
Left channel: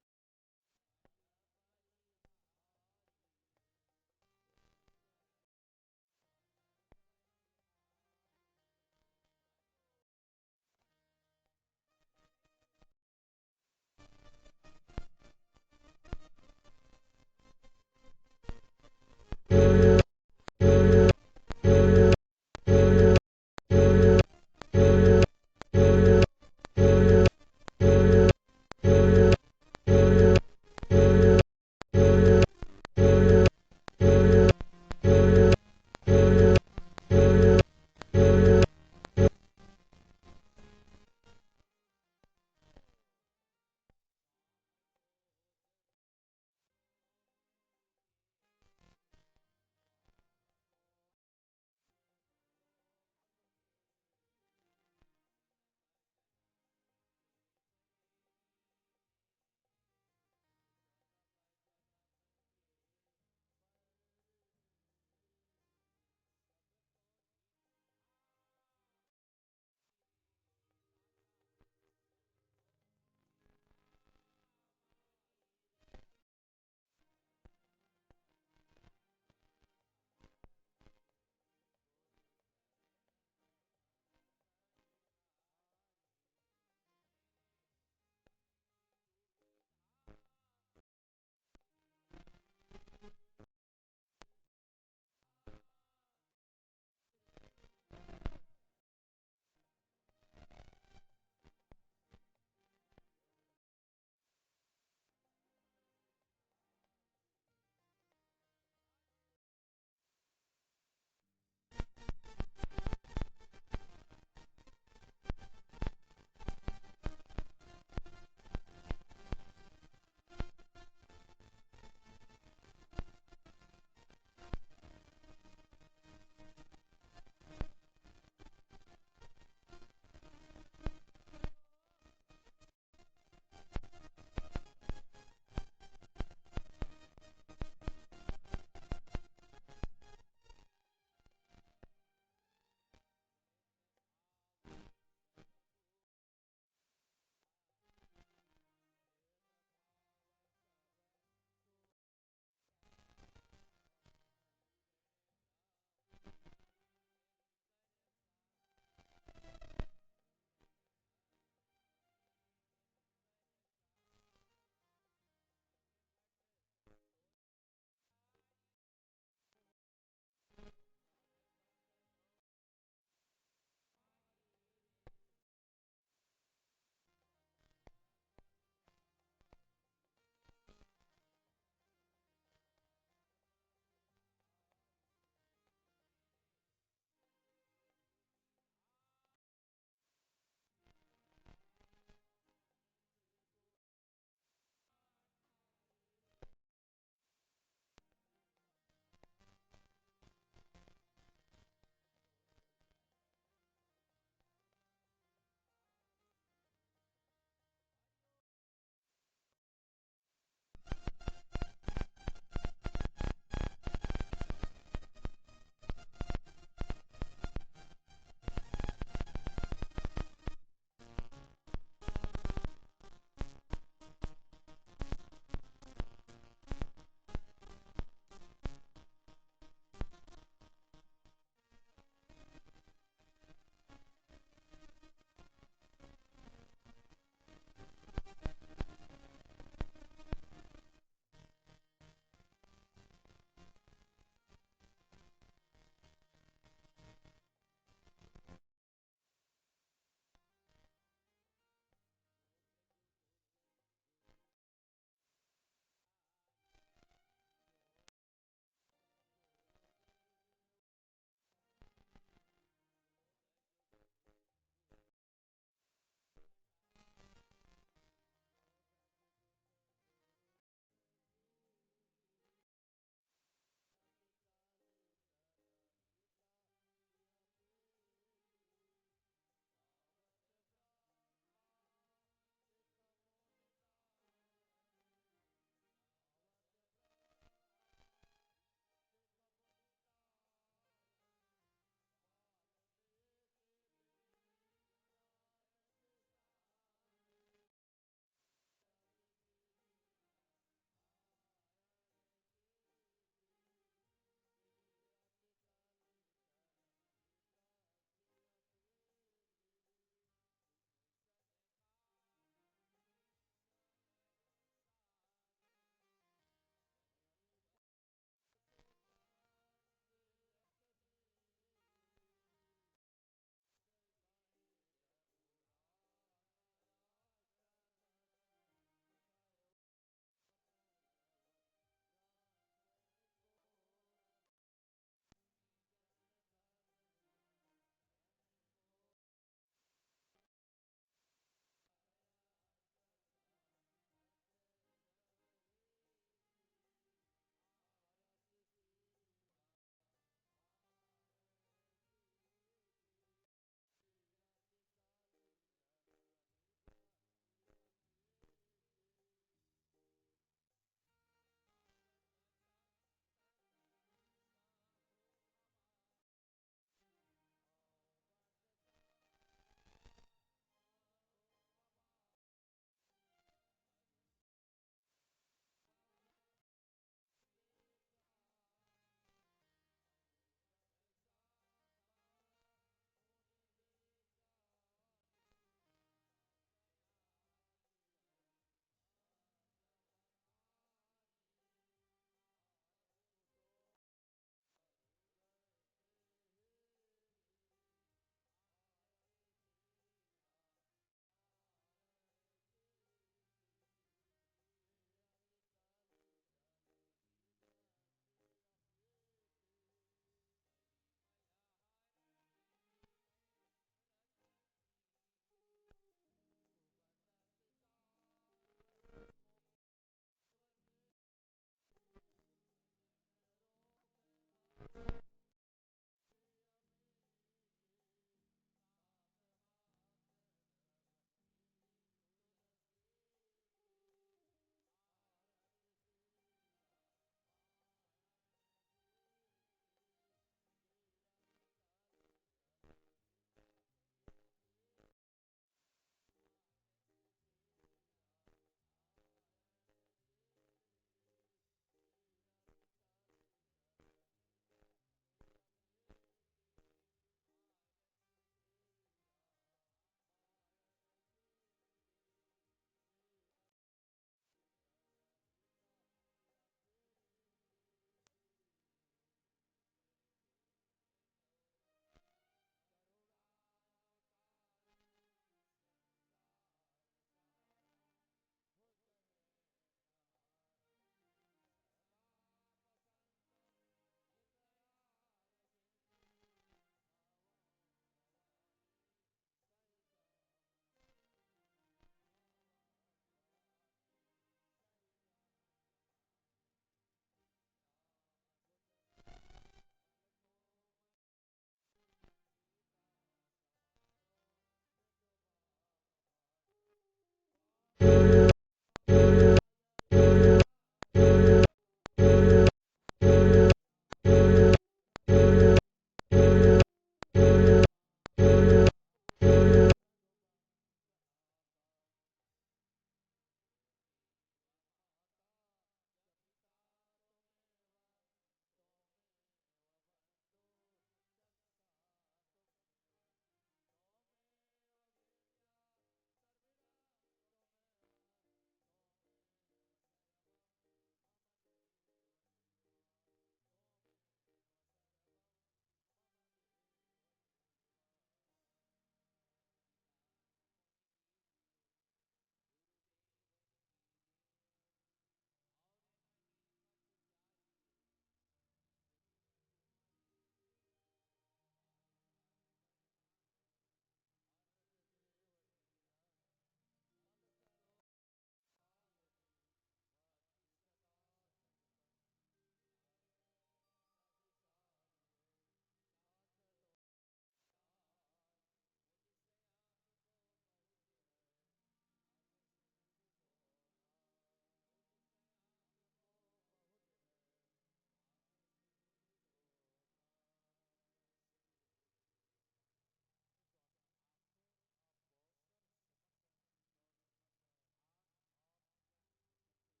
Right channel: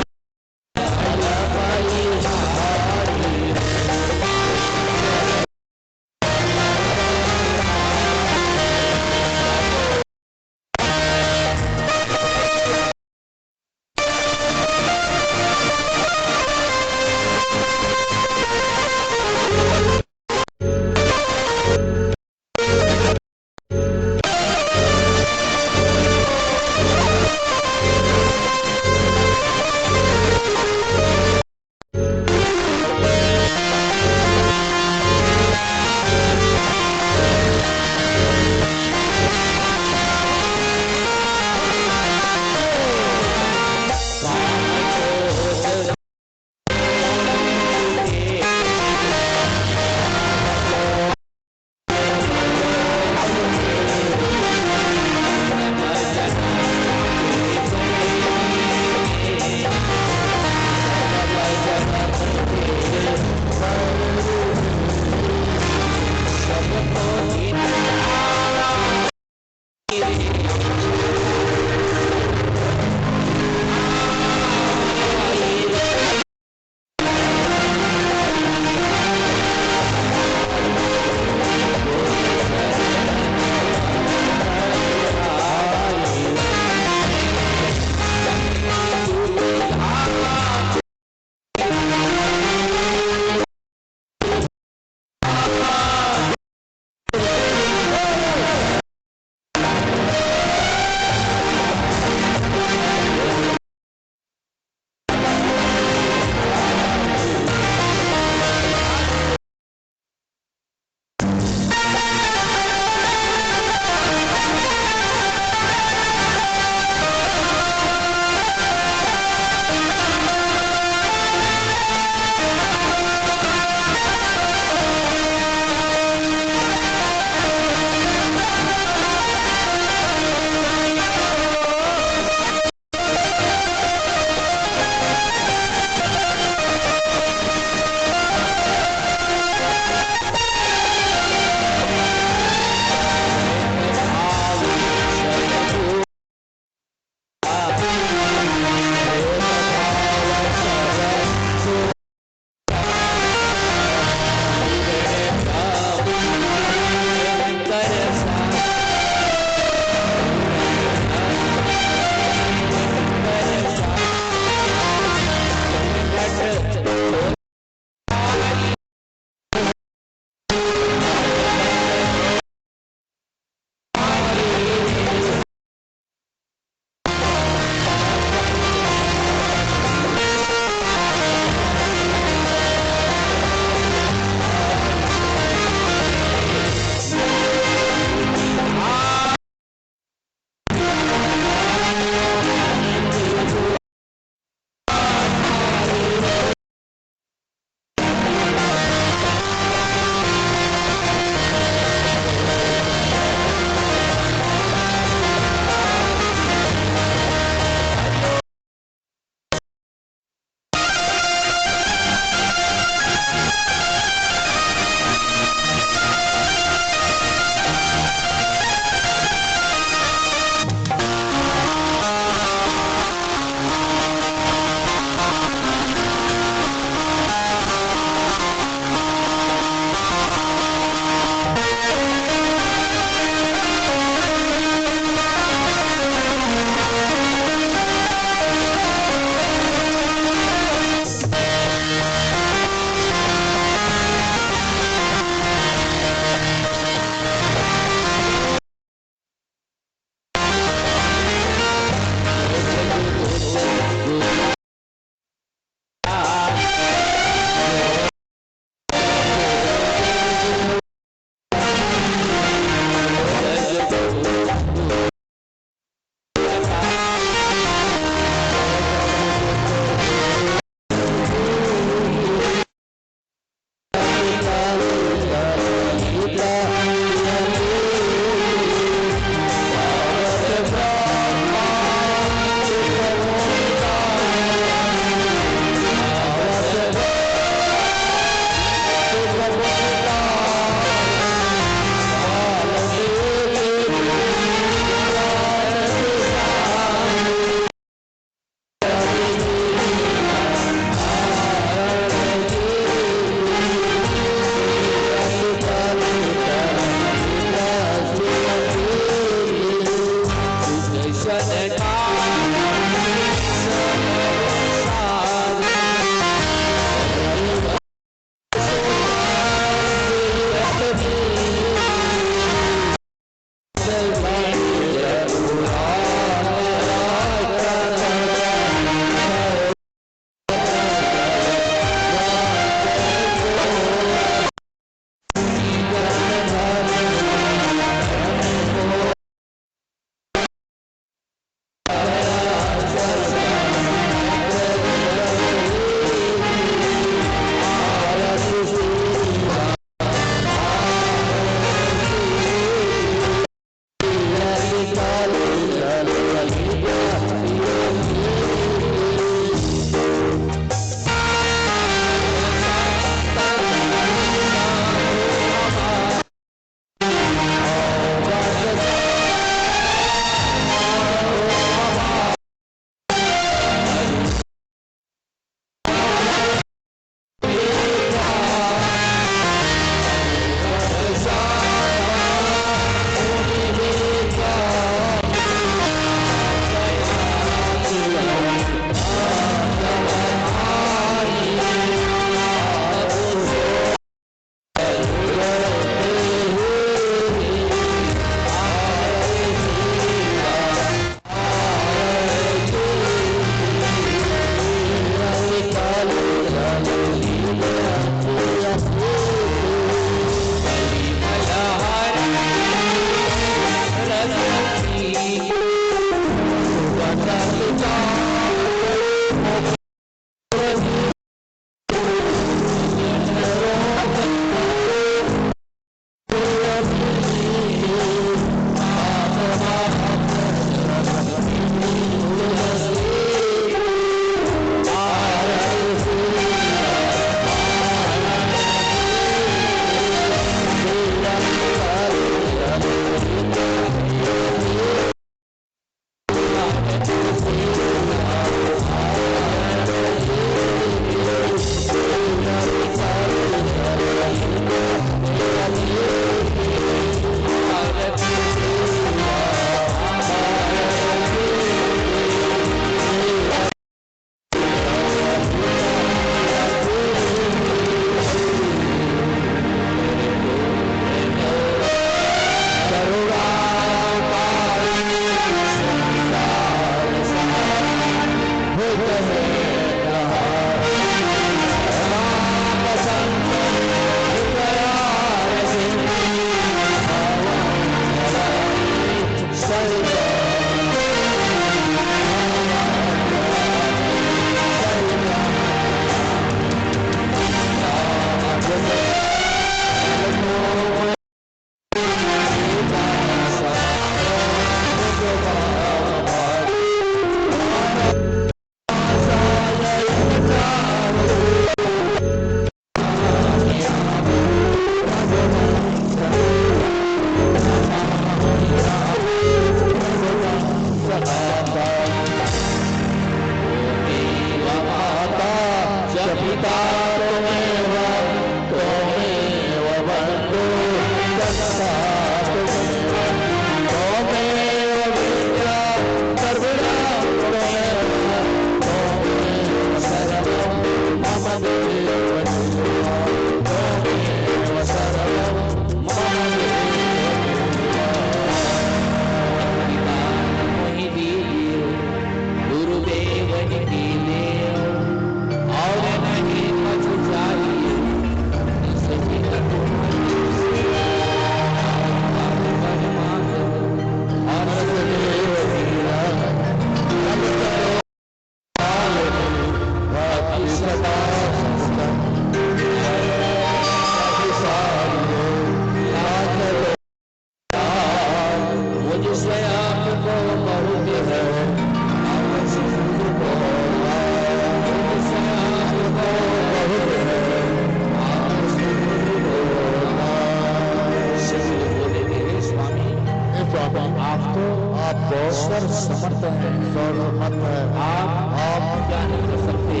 सर्व समर्थ है, सर्वमत है। आप क्या नहीं कर सकते।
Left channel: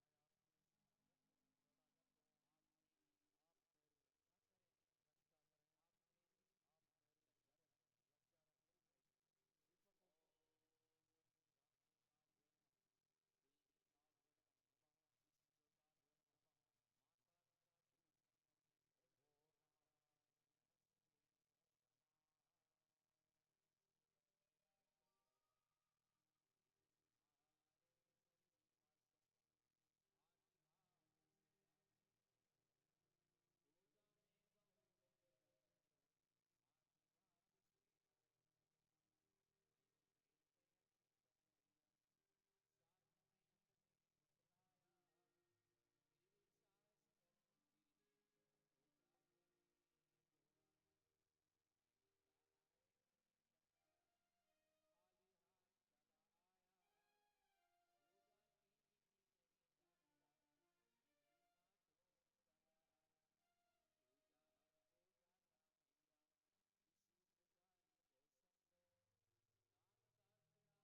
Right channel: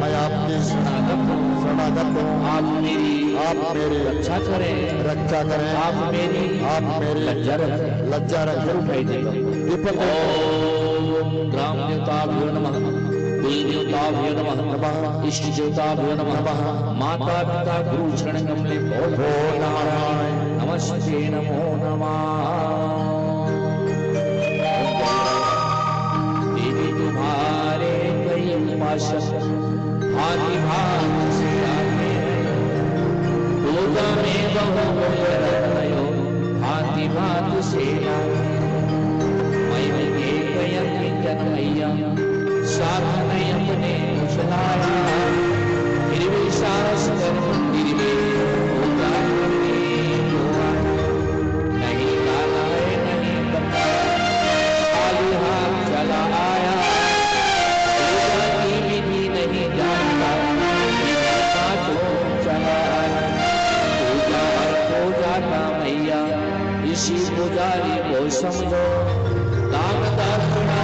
मैं आपकी शरणागत हूँ। आप मेरी रक्षा करें। आप मेरी लज्जा रखें। लज्जा रख कर उठाई देगा। दीपक ओम ग्राम देवताभ्यो नमः, कुल देवताभ्यो नमः, इष्ट देवताभ्यो नमः, माता पिता गुरु चरण कमले भो नारायण नमस्ते नमो नमः। देवी तुम्हारे कई उपासक भांति भांति से आते हैं, पूजा में बहु रत्नयो भांति भांति से आते हैं। मैं के कयंति जनमैया साधन अपने कुशलाया, निर्विशास कर मंदिर में पूजा करने को नहीं लाला है नहीं बताया, खाली हाथ चला आया, पूजा की विधि नहीं जानता, हाथों चला आया। पूजा हो जाता मैया इसी पुजारी को समझो, दान दक्षिणा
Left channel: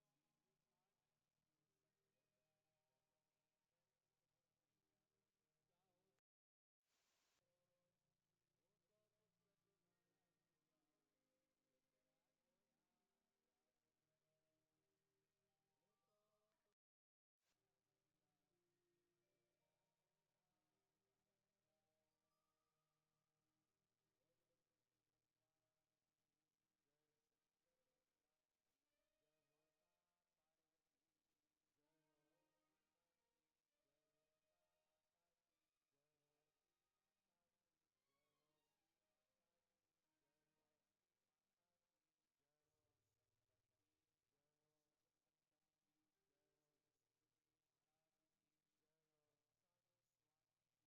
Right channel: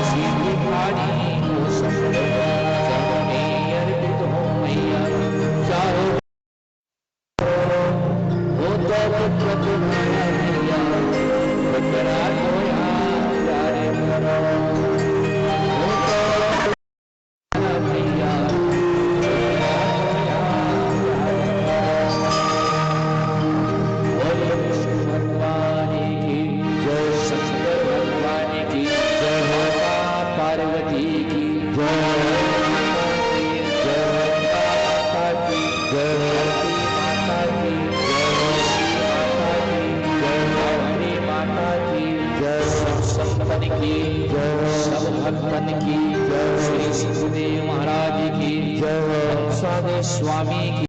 इसी भिखारी को समझो, चरणों अर्पित हो मैया चाहो हो तो पुत्र तुम्हारा मैया, पुत्रा को याद प्यारे करो, हो तो तुम्हारा मैया, पुत्रा को याद प्यारे करो। बोलो विष्णु भगवान की जय, शंकर भगवान की जय, माता पार्वती की जय, माता की जय, माता की जय, श्री माता की जय, माता की जय, सब संतन की जय, सब भक्तन की जय, श्री सुखदेव महाराज की जय, स्वामी की